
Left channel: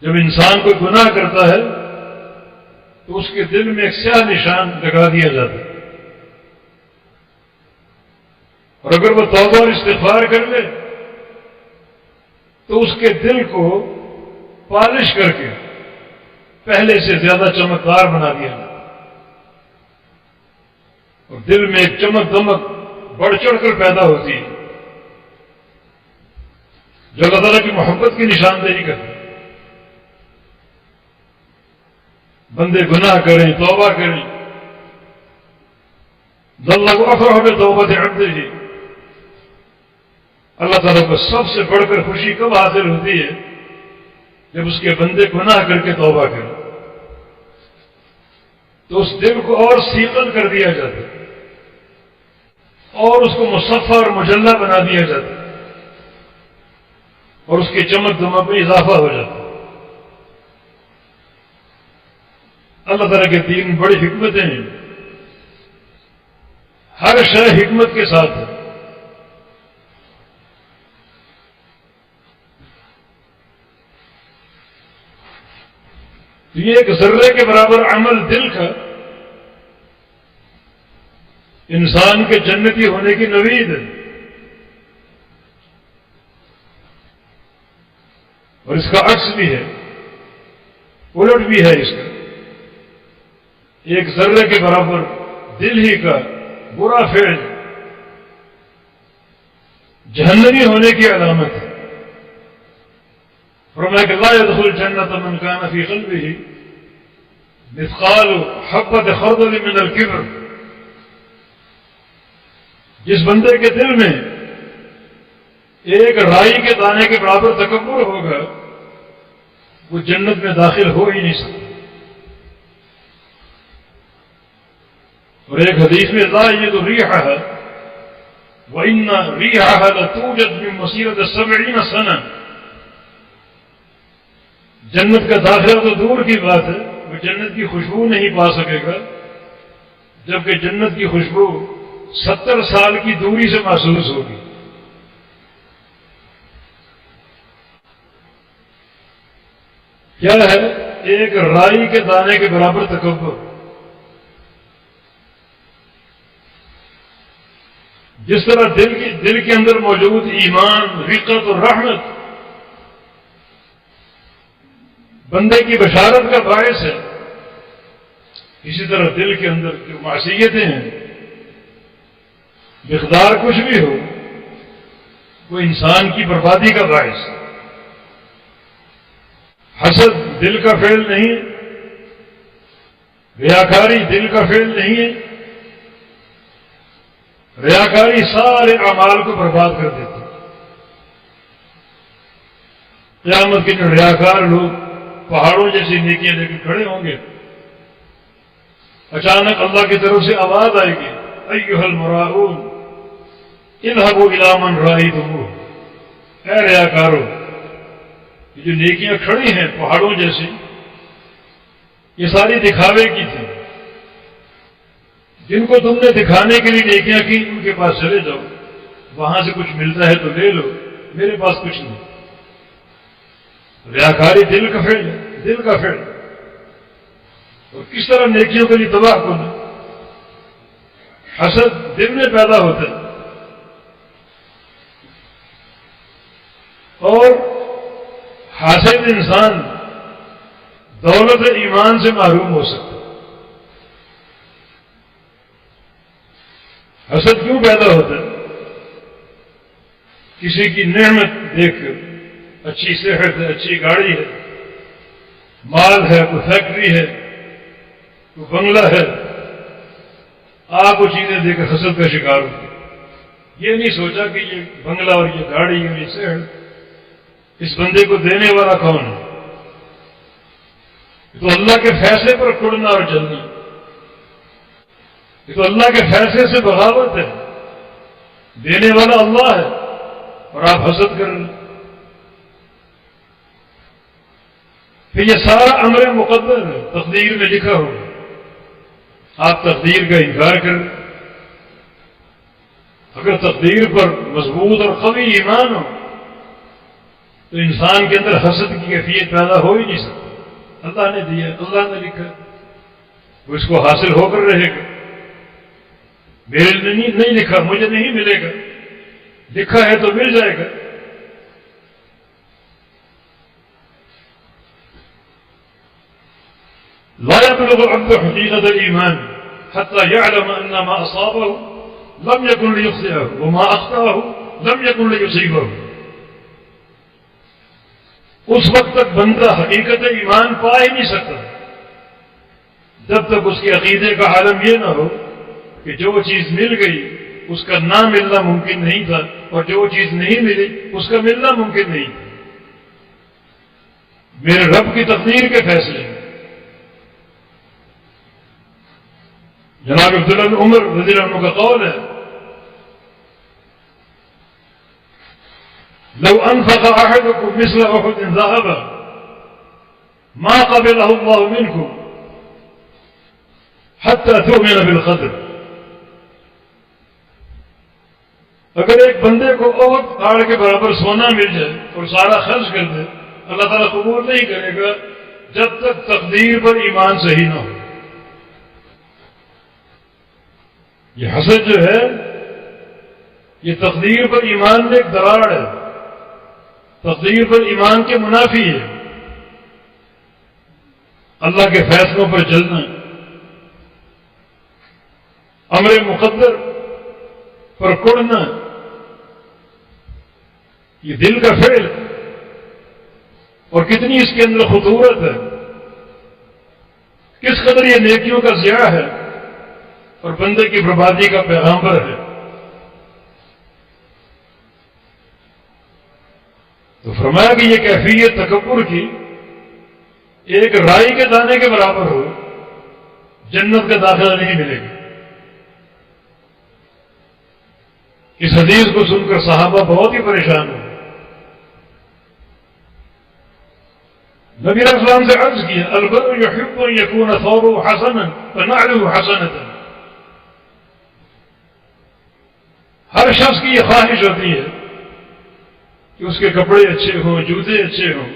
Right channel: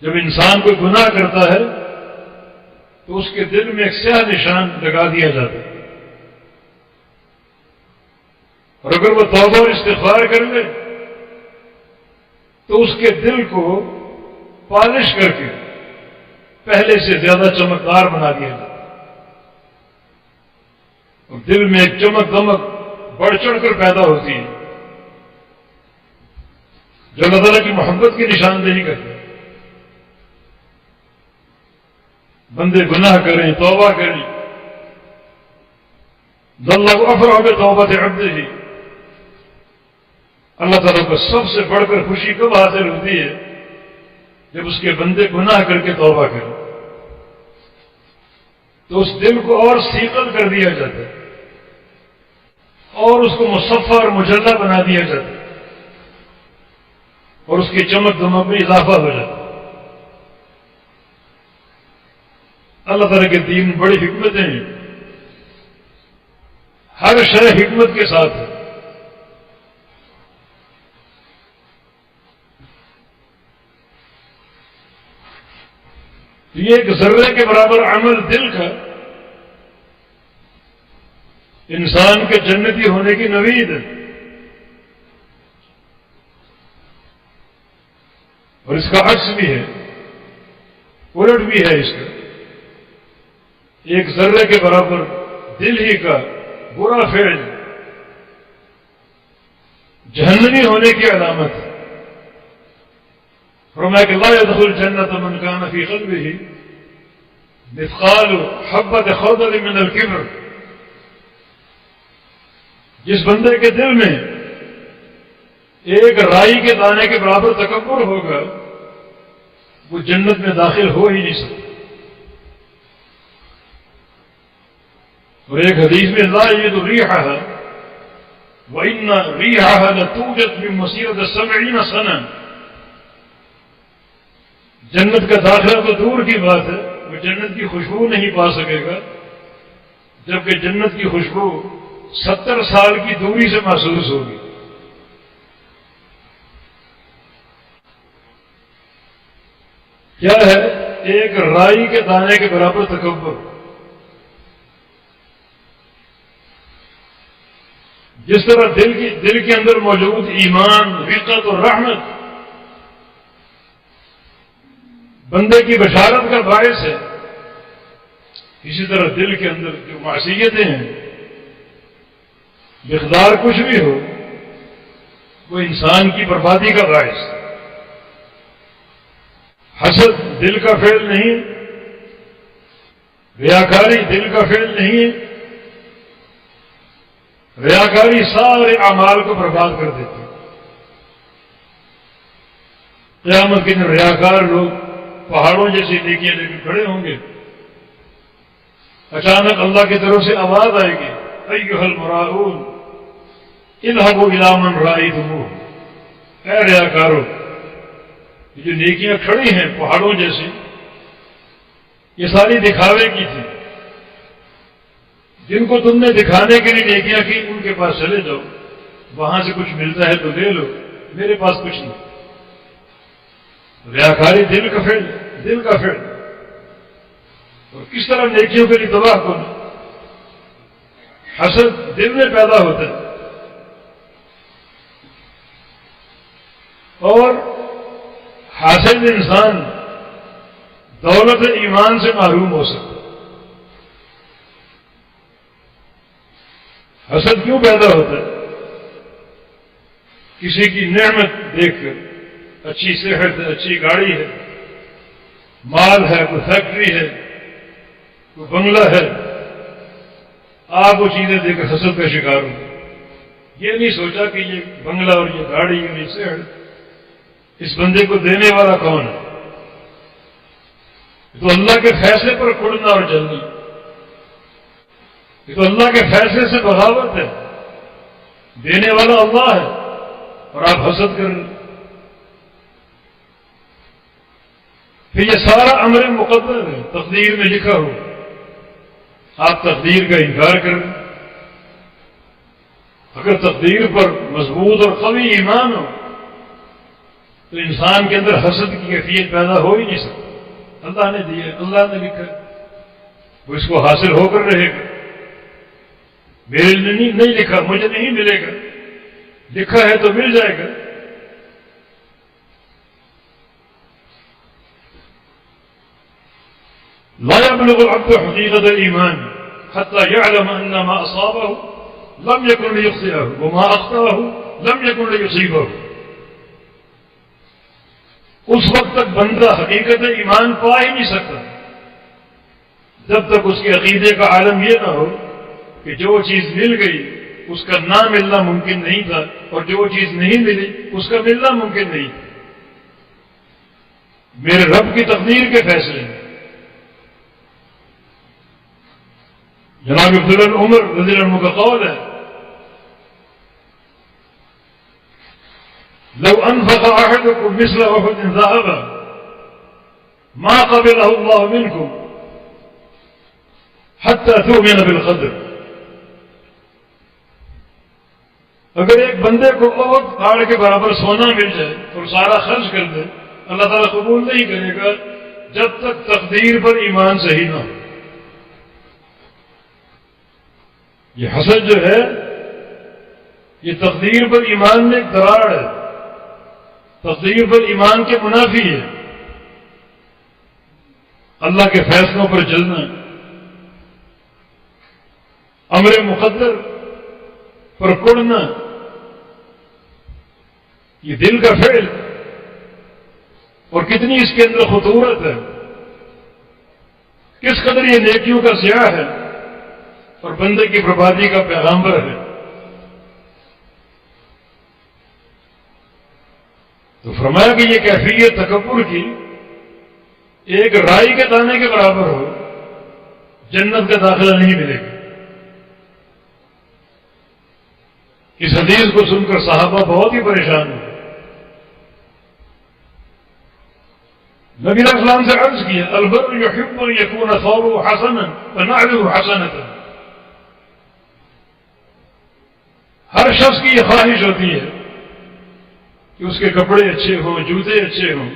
جب انسان کوئی گناہ کرتا ہے تو اس کے دل میں ایک سیاہ نشان لگا دیا جاتا ہے، اور اگر وہ توبہ اور استغفار کر لے تو اس کے دل کو پالش کر کے پہلے سے زیادہ چمکدار بنا دیا جاتا ہے، اور دل میں ایک چمک دمک بڑھ چڑھ کر پیدا ہوتی ہے جو اللہ تعالیٰ کی محبت کی نشاندہی کرتی ہے. بندے گناہ کریں، توبہ کریں، اللہ افرح بتوبۃ عبدہ. اللہ تعالیٰ کو سب سے بڑھ کر خوشی کب حاصل ہوتی ہے؟ جب اس کے بندے گناہ کر کے توبہ کریں تو اس دل کو اور سیقل کر دیا جاتا ہے اور اس کو مصفہ اور مجلہ بنا دیا جاتا ہے اور اس کی چمک دمک میں اضافہ ہو جاتا ہے. اللہ تعالیٰ کے دین میں بڑی حکمتیں ہیں. ہر شے حکمت کے ساتھ ہے. یہ ایک ذرے کے برابر عمل دل کا انسان کے جنتی ہونے کی نوید ہے، اور اس کا عکس بھی ہے، الٹ بھی ہے. اس کا ایک ذرے کے برابر دل ہی کا برا فعل جہنمی ہونے کی علامت ہے. فرمایا کہ لا يدخل جنت من كان في قلبه مثقال حبۃ خردل من الکبر. جس بندے کے دل میں ایک رائی کے دانے کے برابر تکبر ہوگا وہ جنت میں داخل ہو ہی نہیں سکتا. اور ایک حدیث میں لا یجد ریحها وان ریحها لتوجد من مسیرۃ 70 سنہ. جنت کا داخلہ تو دور کی بات ہے، وہ جنت کی خوشبو نہیں پا سکے گا، جبکہ جنت کی خوشبو 70 سال کی دوری سے محسوس ہوگی. کیا ہے؟ ایک رائی کے دانے کے برابر تکبر. جس طرح دل کے اندر موجود ایمان، رقت اور رحمت بندے کی بشارت کا باعث ہے، اسی طرح دل کے اندر جو معصیتیں ہیں مقدار کچھ بھی ہو وہ انسان کی بربادی کا باعث ہے. حسد دل کا فعل نہیں ہے، ریاکاری دل کا فعل نہیں ہے. ریاکاری سارے اعمال کو برباد کر دیتی ہے. قیامت کے دن ریاکار لوگ پہاڑوں جیسی نیکیاں لے کر کھڑے ہوں گے. اچانک اللہ کی طرف سے آواز آئے گی ایھا المراؤون اذهبوا الى من رأیتموہ. اے ریاکارو، یہ جو نیکیاں کھڑی ہیں پہاڑوں جیسی، یہ ساری دکھاوے کی تھی. جن کو تم نے دکھانے کے لیے نیکیاں کی ان کے پاس چلے جاؤ، وہاں سے کچھ ملتا ہے تو لے لو، میرے پاس کچھ نہیں. ریاکاری دل کا فعل ہے، دل کا فعل. اور کس طرح نیکیوں کے لیے تباہ کن. حسد دل میں پیدا ہوتا ہے، اور حاسد انسان دولت ایمان سے محروم ہو سکتا ہے. حسد کیوں پیدا ہوتا ہے؟ کسی کی نعمت دیکھ کر، اچھی صحت ہے، اچھی گاڑی ہے، مال ہے، کوئی فیکٹری ہے، کوئی بنگلہ ہے، آپ وہ چیزیں دیکھ کر حسد کا شکار ہو. یہ نہیں سوچا کہ یہ بنگلہ اور یہ گاڑی اور یہ صحت اس بندے کو دینے والا کون ہے. یہ تو اللہ کے فیصلے پر کڑنا اور جلنا، یہ تو اللہ کے فیصلے سے بغاوت ہے. دینے والا اللہ ہے اور آپ حسد کر رہے. پھر یہ سارا امر مقدر ہے، تقدیر میں لکھا ہوا. آپ تقدیر کا انکار کر رہے. اگر تقدیر پر مضبوط اور قوی ایمان ہو تو انسان کے اندر حسد کی کیفیت پیدا ہو ہی نہیں سکتی. اللہ نے دیا، اللہ نے لکھا، وہ اس کو حاصل ہو کر رہے گا. میرے لیے نہیں لکھا، مجھے نہیں ملے گا، لکھا ہے تو مل جائے گا. لا يبلغ العبد حقيقة الإيمان حتى يعلم أن ما أصابه لم يكن ليخطئه وما أخطأه لم يكن ليصيبه. اس وقت تک بندہ حقیقت ایمان پا ہی نہیں سکتا جب تک اس کے عقیدے کا عالم یہ نہ ہو کہ جو چیز مل گئی اس کا نہ ملنا ممکن نہیں تھا اور جو چیز نہیں ملی اس کا ملنا ممکن نہیں تھا. میرے رب کی تقدیر کے فیصلے ہیں. جناب عبداللہ بن عمر رضی اللہ عنہ کا قول ہے، لو انفق احدكم مثل احد ذهبا ما قبله الله منكم حتى تؤمن بالقدر. اگر ایک بندے کو احد پہاڑ کے برابر سونا مل جائے اور سارا خرچ کر دے، اللہ تعالیٰ قبول نہیں کرے گا جب تک تقدیر پر ایمان صحیح نہ ہو. یہ حسد جو ہے یہ تقدیر پر ایمان میں ایک دراڑ ہے، تقدیر پر ایمان کے منافی ہے. اللہ کے فیصلوں پر جلنا، امر مقدر پر کڑنا، یہ دل کا فعل اور کتنی اس کے اندر خطورت ہے، کس قدر یہ نیکیوں کا ضیاع ہے اور بندے کی بربادی کا پیغامبر ہے. تو فرمایا کہ یہ کیفیت تکبر کی ایک رائی کے دانے کے برابر ہو، جنت کا داخلہ نہیں ملے گا. اس حدیث کو سن کر صحابہ بہت ہی پریشان ہوئے. نبی علیہ السلام سے عرض کیا، البر یحب ان یکون ثوبه حسنا ونعله حسنة. ہر شخص کی یہ خواہش ہوتی ہے کہ اس کے کپڑے اچھے ہوں، جوتے اچھے ہوں.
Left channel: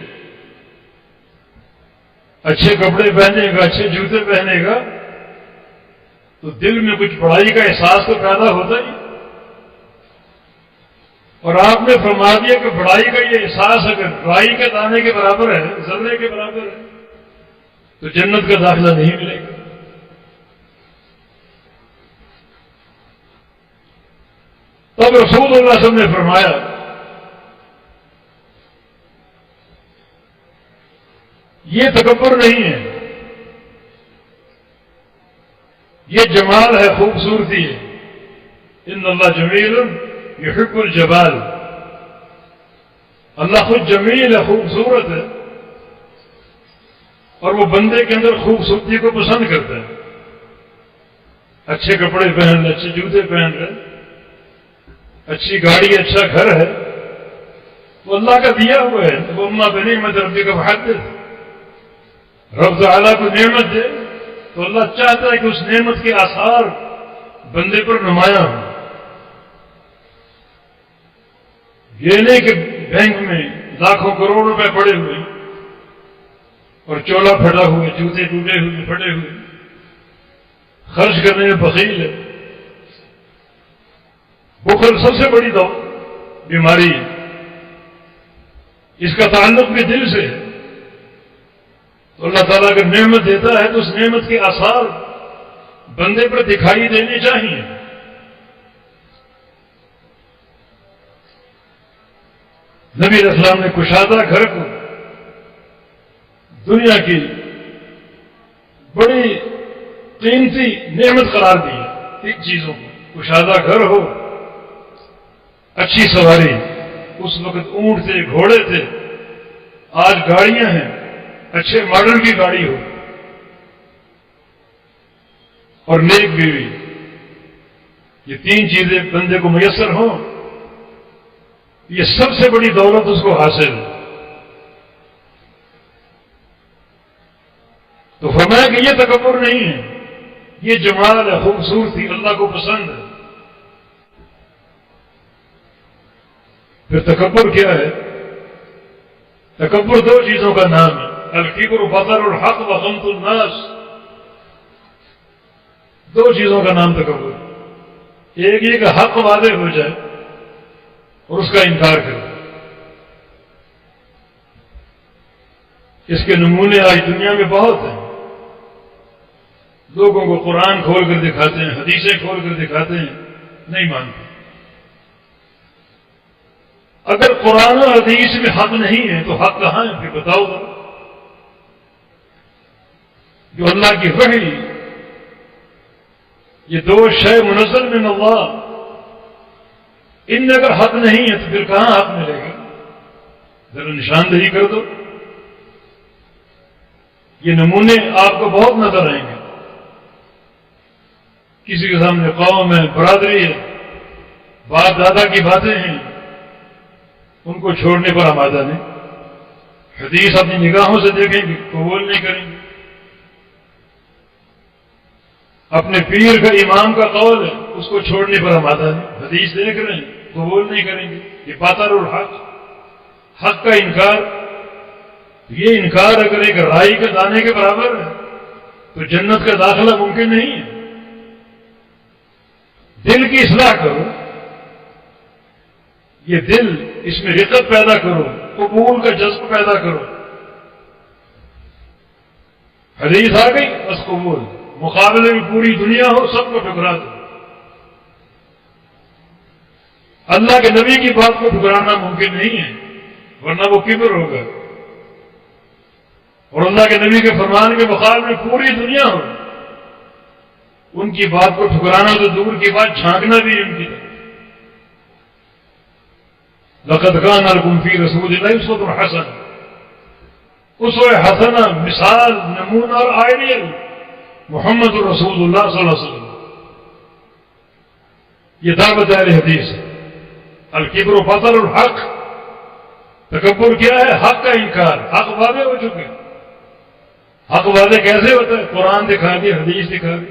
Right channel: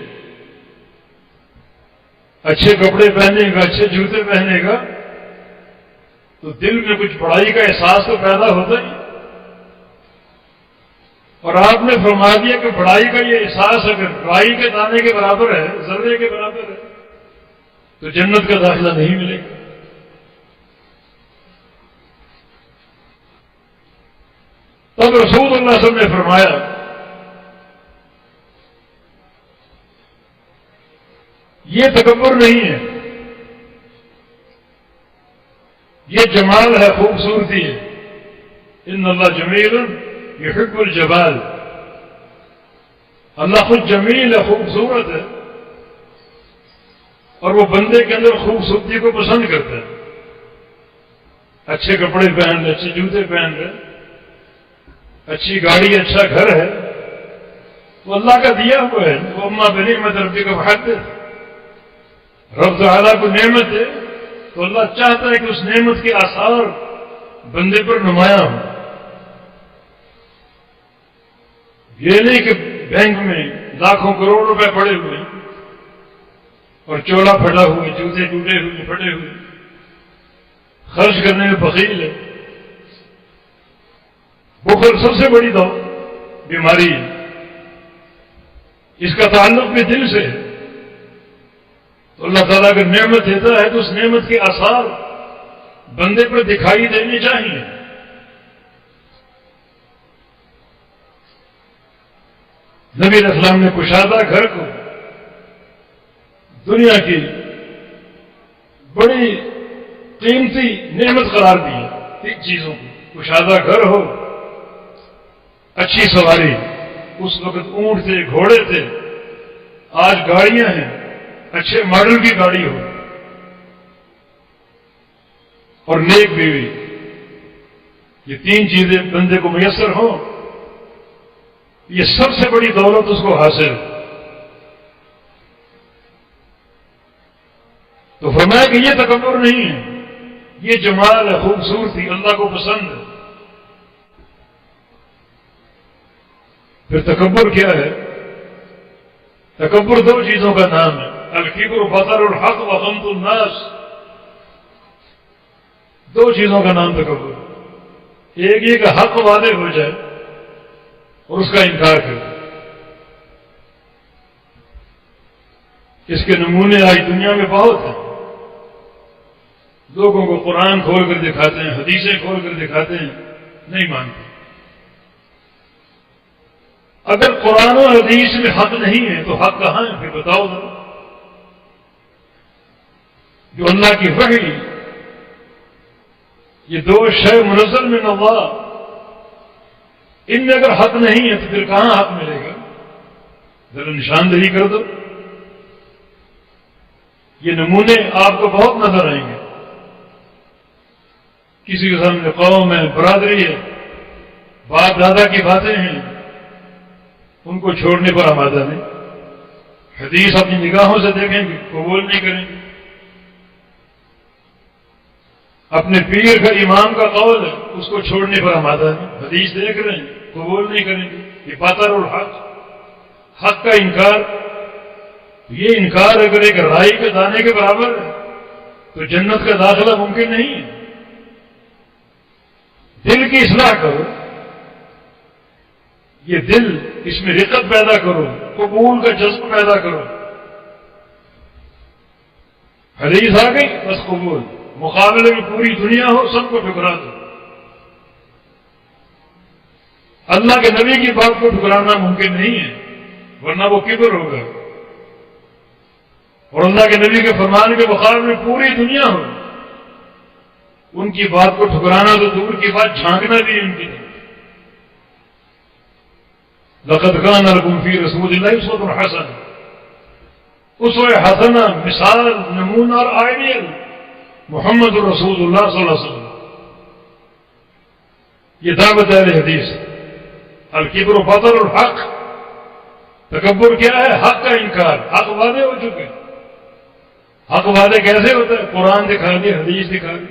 اچھے کپڑے پہنے گا، اچھے جوتے پہنے گا تو دل میں کچھ بڑائی کا احساس تو پیدا ہوتا ہی. اور آپ نے فرما دیا کہ بڑائی کا یہ احساس اگر رائی کے دانے کے برابر ہے، ذرے کے برابر ہے، تو جنت کا داخلہ نہیں ملے گا. تب رسول اللہ صلی اللہ علیہ وسلم نے فرمایا یہ تکبر نہیں ہے، یہ جمال ہے، خوبصورتی ہے. ان اللہ جمیل یحب الجمال. اللہ خود جمیل ہے، خوبصورت ہے اور وہ بندے کے اندر خوبصورتی کو پسند کرتا ہے. اچھے کپڑے پہن رہے، اچھے جوتے پہن رہے، اچھی گاڑی، اچھا گھر ہے، وہ اللہ کا دیا ہوا ہے. وہ اما بنعمت ربک فحدث. رب تعالیٰ کو نعمت دے تو اللہ چاہتا ہے کہ اس نعمت کے آثار بندے پر نمایاں ہوں. یہ نہیں کہ بینک میں لاکھوں کروڑ روپے پڑے ہوئے اور چولا پھٹا ہوا، جوتے ٹوٹے ہوئے، پھٹے ہوئے، خرچ کرنے میں بخیل ہے. بخل سب سے بڑی بیماری ہے. اس کا تعلق بھی دل سے ہے. تو اللہ تعالیٰ اگر نعمت دیتا ہے تو اس نعمت کے آثار بندے پر دکھائی دینے چاہیے. نبی علیہ السلام نے کشادہ گھر کو دنیا کی بڑی قیمتی نعمت قرار دی ہے. چیزوں کو کشادہ گھر ہو، اچھی سواری، اس وقت اونٹ تھے، گھوڑے تھے، آج گاڑیاں ہیں، اچھے ماڈل کی گاڑی ہو، اور نیک بیوی، یہ تین چیزیں بندے کو میسر ہوں، یہ سب سے بڑی دولت اس کو حاصل ہے. تو فرمایا کہ یہ تکبر نہیں ہے، یہ جمال ہے، خوبصورتی، اللہ کو پسند ہے. پھر تکبر کیا ہے؟ تکبر دو چیزوں کا نام ہے، الکبر بطر الحق وغمط الناس. دو چیزوں کا نام تکبر. ایک یہ کہ حق واضح ہو جائے اور اس کا انکار کر دے. اس کے نمونے آج دنیا میں بہت ہیں. لوگوں کو قرآن کھول کر دکھاتے ہیں، حدیثیں کھول کر دکھاتے ہیں، نہیں مانتے. اگر قرآن و حدیث میں حق نہیں ہے تو حق کہاں ہے؟ پھر بتاؤ ذرا. جو اللہ کی وحی، یہ دو شے منزل من اللہ، ان میں اگر حق نہیں ہے تو پھر کہاں حق ملے گا؟ ذرا نشاندہی کر دو. یہ نمونے آپ کو بہت نظر آئیں گے. کسی کے سامنے قوم ہے، برادری ہے، باپ دادا کی باتیں ہیں، ان کو چھوڑنے پر آمادہ نہیں. حدیث اپنی نگاہوں سے دیکھیں گے، قبول نہیں کریں گے. اپنے پیر کا، امام کا قول ہے، اس کو چھوڑنے پر آمادہ نہیں. حدیث دیکھ رہے ہیں، قبول نہیں کریں گے. یہ بطر الحق، حق کا انکار. یہ انکار اگر ایک رائی کے دانے کے برابر ہے تو جنت کا داخلہ ممکن نہیں ہے. دل کی اصلاح کرو، یہ دل، اس میں رقت پیدا کرو، قبول کا جذب پیدا کرو. حدیث آ گئی بس قبول. مقابلے میں پوری دنیا ہو، سب کو ٹھکرا دو. اللہ کے نبی کی بات کو ٹھکرانا ممکن نہیں ہے، ورنہ وہ کبر ہوگا. اور اللہ کے نبی کے فرمان کے مقابلے میں پوری دنیا ہو، ان کی بات کو ٹھکرانا تو دور کی بات، جھانکنا بھی ان کی طرف. لقد كان لكم في رسول اللہ اسوۃ حسنہ. اسوہ حسنہ، مثال، نمونہ اور آئیڈیل محمد الرسول اللہ صلی اللہ علیہ وسلم. یہ دعوت اہل حدیث ہے. الکبر بطر الحق. تکبر کیا ہے؟ حق کا انکار. حق واضح ہو چکے. حق واضح کیسے ہوتا ہے؟ قرآن دکھا دی، حدیث دکھا دی،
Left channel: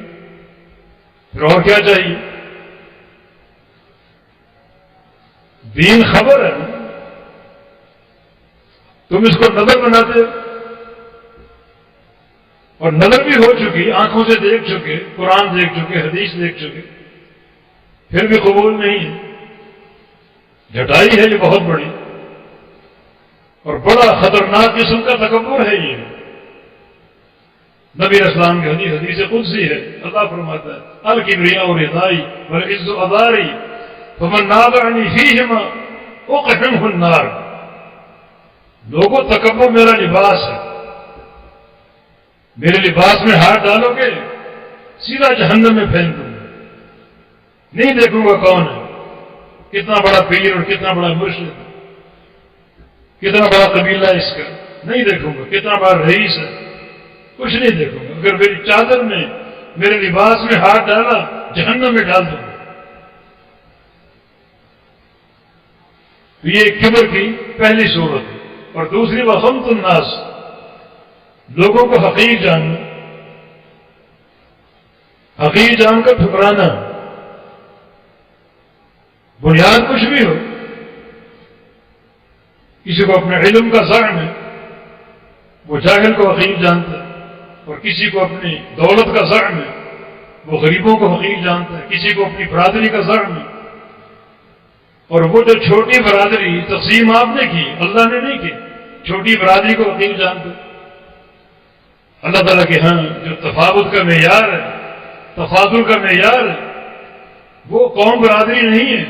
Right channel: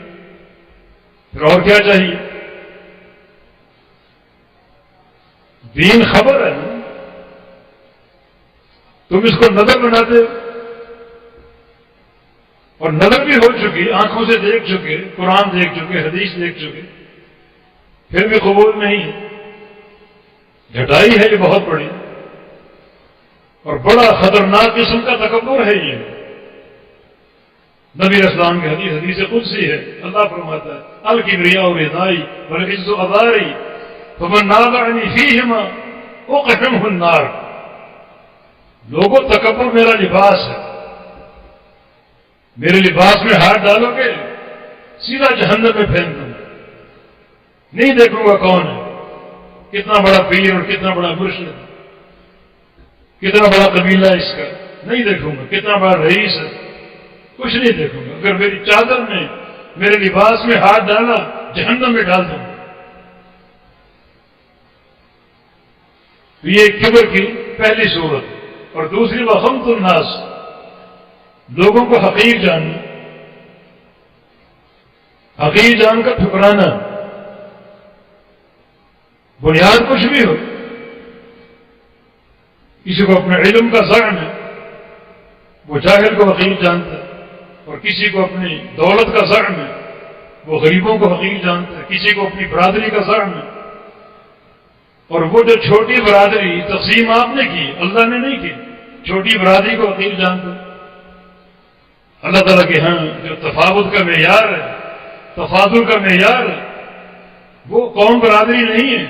پھر اور کیا چاہیے؟ دین خبر ہے نا. تم اس کو نظر بناتے ہو، اور نظر بھی ہو چکی، آنکھوں سے دیکھ چکے، قرآن دیکھ چکے، حدیث دیکھ چکے، پھر بھی قبول نہیں ہے. جھٹائی ہے یہ بہت بڑی، اور بڑا خطرناک قسم کا تکبر ہے یہ. نبی اسلام کی حدیث قدسی ہے. اللہ فرماتا ہے الکبریاء ردائی والعز ازاری فمن نازعنی فیہما اقحمہ النار. لوگوں، تکبر میرا لباس ہے. میرے لباس میں ہاتھ ڈالو گے سیدھا جہنم میں پھینک دوں گا. نہیں دیکھوں گا کون ہے، کتنا بڑا پیر اور کتنا بڑا مرشد، کتنا بڑا قبیلہ اس کا. نہیں دیکھوں گا کتنا بڑا رئیس ہے، کچھ نہیں دیکھوں گا. اگر میری چادر میں، میرے لباس میں ہاتھ ڈالا، جہنم میں ڈال دوں گا. تو یہ کبر کی پہلی صورت ہے. اور دوسری وغمط الناس، لوگوں کو حقیر جاننا، حقیر جان کر ٹھکرانا. بنیاد کچھ بھی ہو، کسی کو اپنے علم کا زعم ہے، وہ جاہل کو حقیر جانتا ہے. اور کسی کو اپنی دولت کا زعم ہے، وہ غریبوں کو حقیر جانتا ہے. کسی کو اپنی برادری کا زعم ہے، اور وہ جو چھوٹی برادری تقسیم آپ نے کی، اللہ نے نہیں کی، چھوٹی برادری کو حقیر جانتا ہے. اللہ تعالیٰ کے ہاں جو تفاوت کا معیار ہے، تفاضل کا معیار ہے، وہ قوم برادری نہیں ہے.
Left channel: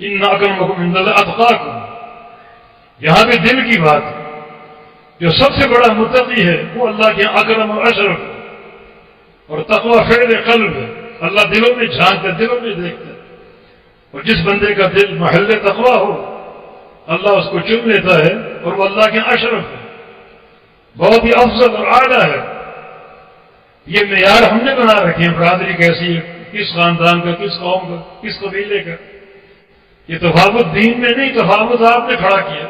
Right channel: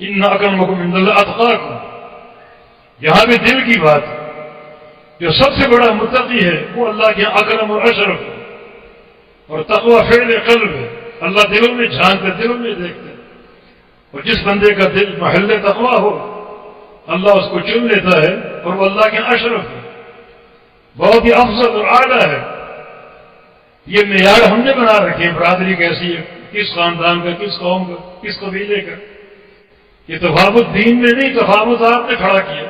ان اکرمکم عند اللہ اتقاکم. یہاں پہ دل کی بات ہے۔ جو سب سے بڑا متقی ہے وہ اللہ کے یہاں اکرم اور اشرف ہے، اور تقوی فعل قلب ہے۔ اللہ دلوں میں جھانکتے، دلوں میں دیکھتے، اور جس بندے کا دل محل تقوی ہو اللہ اس کو چن لیتا ہے، اور وہ اللہ کے یہاں اشرف ہے، بہت ہی افضل اور اعلیٰ ہے۔ یہ معیار ہم نے بنا رکھے ہیں، برادری کیسی ہے، کس خاندان کا، کس قوم کا، کس قبیلے کا۔ یہ تفاوت دین میں نہیں، تفاوت آپ نے کھڑا کیا۔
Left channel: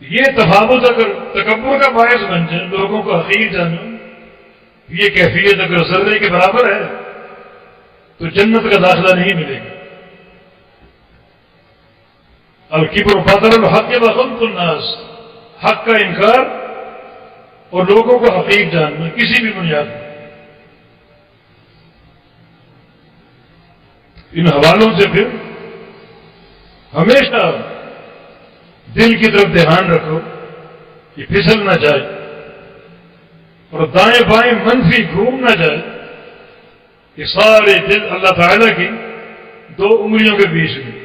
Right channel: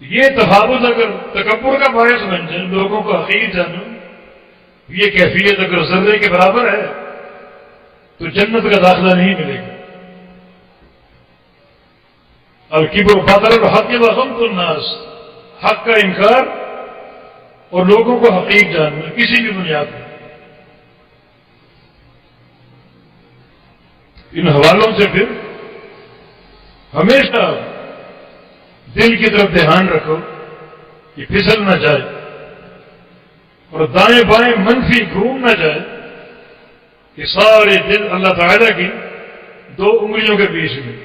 یہ تفاوت اگر تکبر کا باعث بن جائے، لوگوں کو حقیر جانو، یہ کیفیت اگر ذرے کے برابر ہے تو جنت کا داخلہ نہیں ملے گا۔ الکبر بطر الحق وغمط الناس، حق کا انکار اور لوگوں کو حقیر جاننا کسی بھی بنیاد پر۔ ان حوالوں سے پھر ہمیشہ دل کی طرف دھیان رکھو کہ پھسل نہ جائے اور دائیں بائیں منفی گھوم نہ جائے، کہ سارے دل اللہ تعالیٰ کی دو انگلیوں کے بیچ میں۔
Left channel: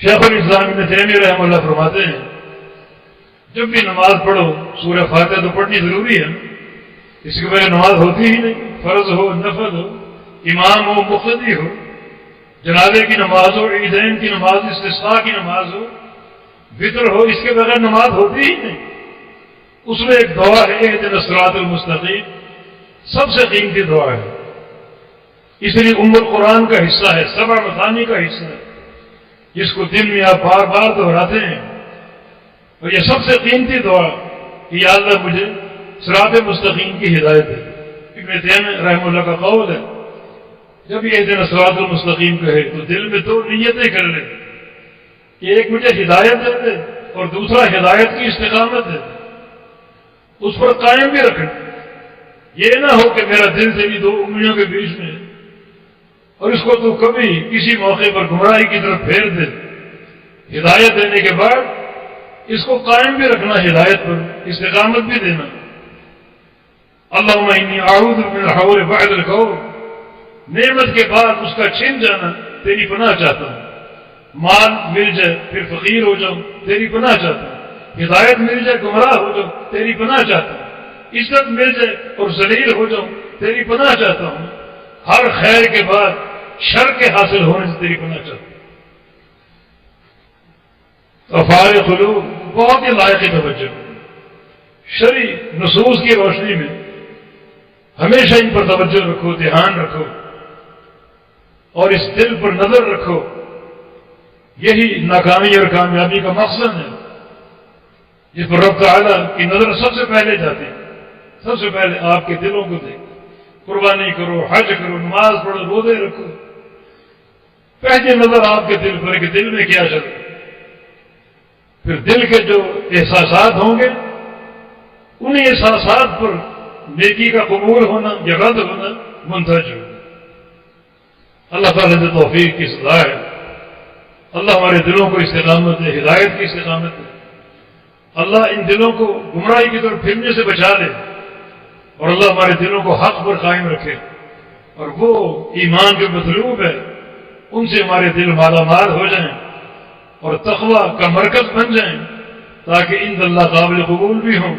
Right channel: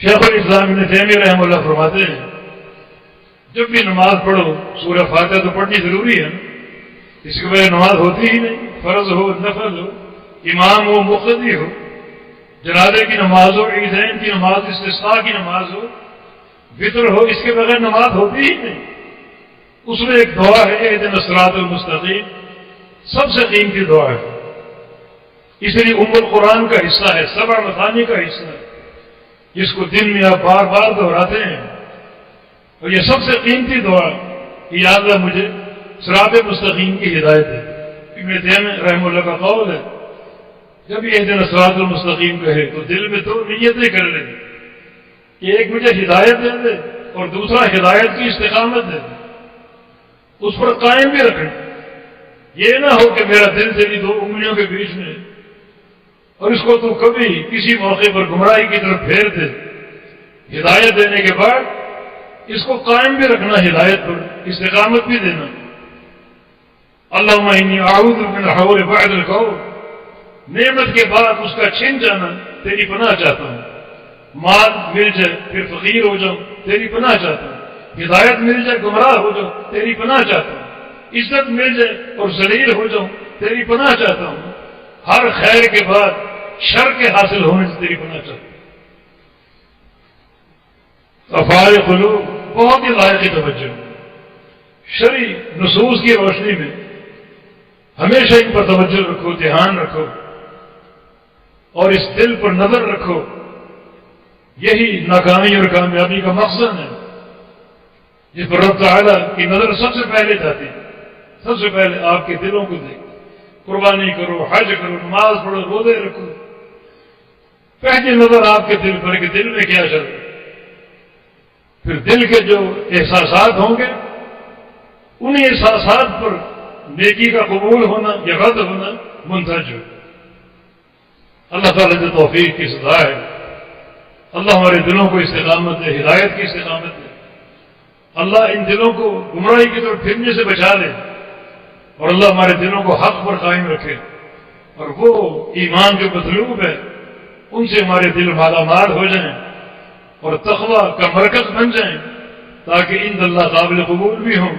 شیخ الاسلام ابن تیمیہ رحمہ اللہ فرماتے ہیں جب بھی نماز پڑھو سورہ فاتحہ تو پڑھنی ضروری ہے، اس کے بغیر نماز ہوتی ہی نہیں، فرض ہو، نفل ہو، امام ہو، مقتدی ہو، جنازے کی نماز ہو، عیدین کی نماز، استسقاء کی نماز ہو، وطر ہو، اس کے بغیر نماز ہوتی ہی نہیں۔ اس میں ایک دعا ہے اہدنا الصراط المستقیم، سب سے قیمتی دعا ہے، اس لیے ام القرآن کا حصہ ہے، 7 مثانی کا حصہ ہے، جس کو دن میں آپ بار بار دہراتے ہیں، اور یہ سب سے قیمتی دعا کہ یا اللہ مجھے صراط مستقیم کی ہدایت دے۔ ابن تیمیہ رحمہ اللہ کا قول ہے جب یہ دن صراط المستقیم کہے تو دل میں 2 نیتیں کر لیں کہ ایک مجھے ہدایت دے دے اور دوسرا ہدایت کی استقامت دے دے، اس پر قائم بھی رکھیں۔ یہ نہ ہو کہ میرا دل تیری 2 انگلیوں کے بیچ میں اور اس کو تو کبھی کسی موقع پر گمراہی کی طرف پھیر دے۔ ہدایت دینے کے بعد اس کو قائم بھی رکھنا، ہدایت پر استقامت بھی دینا۔ اللہم انی اعوذ من الحور بعد القور، نعمت کے بعد اس کا چھن جانا تیری پناہ چاہتا ہوں۔ مال مل جائے پھر فقیر ہو جاؤں تیری پناہ چاہتا ہوں، ہدایت مل جائے گمراہ ہو جاؤں تیری پناہ چاہتا ہوں، عزت مل جائے اور ذلیل ہو جاؤں تیری پناہ چاہتا ہوں، ہر خیر کے بعد شر کے حاصل ہونے سے تیری پناہ چاہتا ہوں۔ افعال قلوب بہت ہی لائق توجہ، شرعی نصوص کی روشنی میں ہمیشہ ان پر توجہ رکھو، دھیان رکھو، اور اس دل پر نظر رکھو۔ یہی ناکامی اور کامیابی کا مقصد ہے، جس پر رب تعالیٰ کی نظر سب سے پہلے جاتی، سب سے پہلے آپ کے دلوں کو دیکھ۔ قربانی کرو، حج کرو، نماز پڑھو، روزے رکھو، پہلی نظر آپ کے دل پر کہ دل میں کیا چل رہا ہے۔ پھر دل کے جو احساسات ہوں گے انہیں احساسات پر نیکی کا قبول ہونا یا رد ہونا منتج ہو۔ اللہ تعالیٰ سے توفیق کی سزا ہے۔ اللہ ہمارے دلوں کو استقامت دے، ہدایت کی استقامت دے۔ اللہ ان دلوں کو گمراہی کی طرف پھرنے سے بچا لے، اور اللہ ہمارے دلوں کو حق پر قائم رکھے، اور وہ ایمان جو مطلوب ہے ان سے ہمارے دل مالا مال ہو جائیں اور تقوی کا مرکز بن جائیں، تاکہ ان اللہ قابل قبول بھی ہوں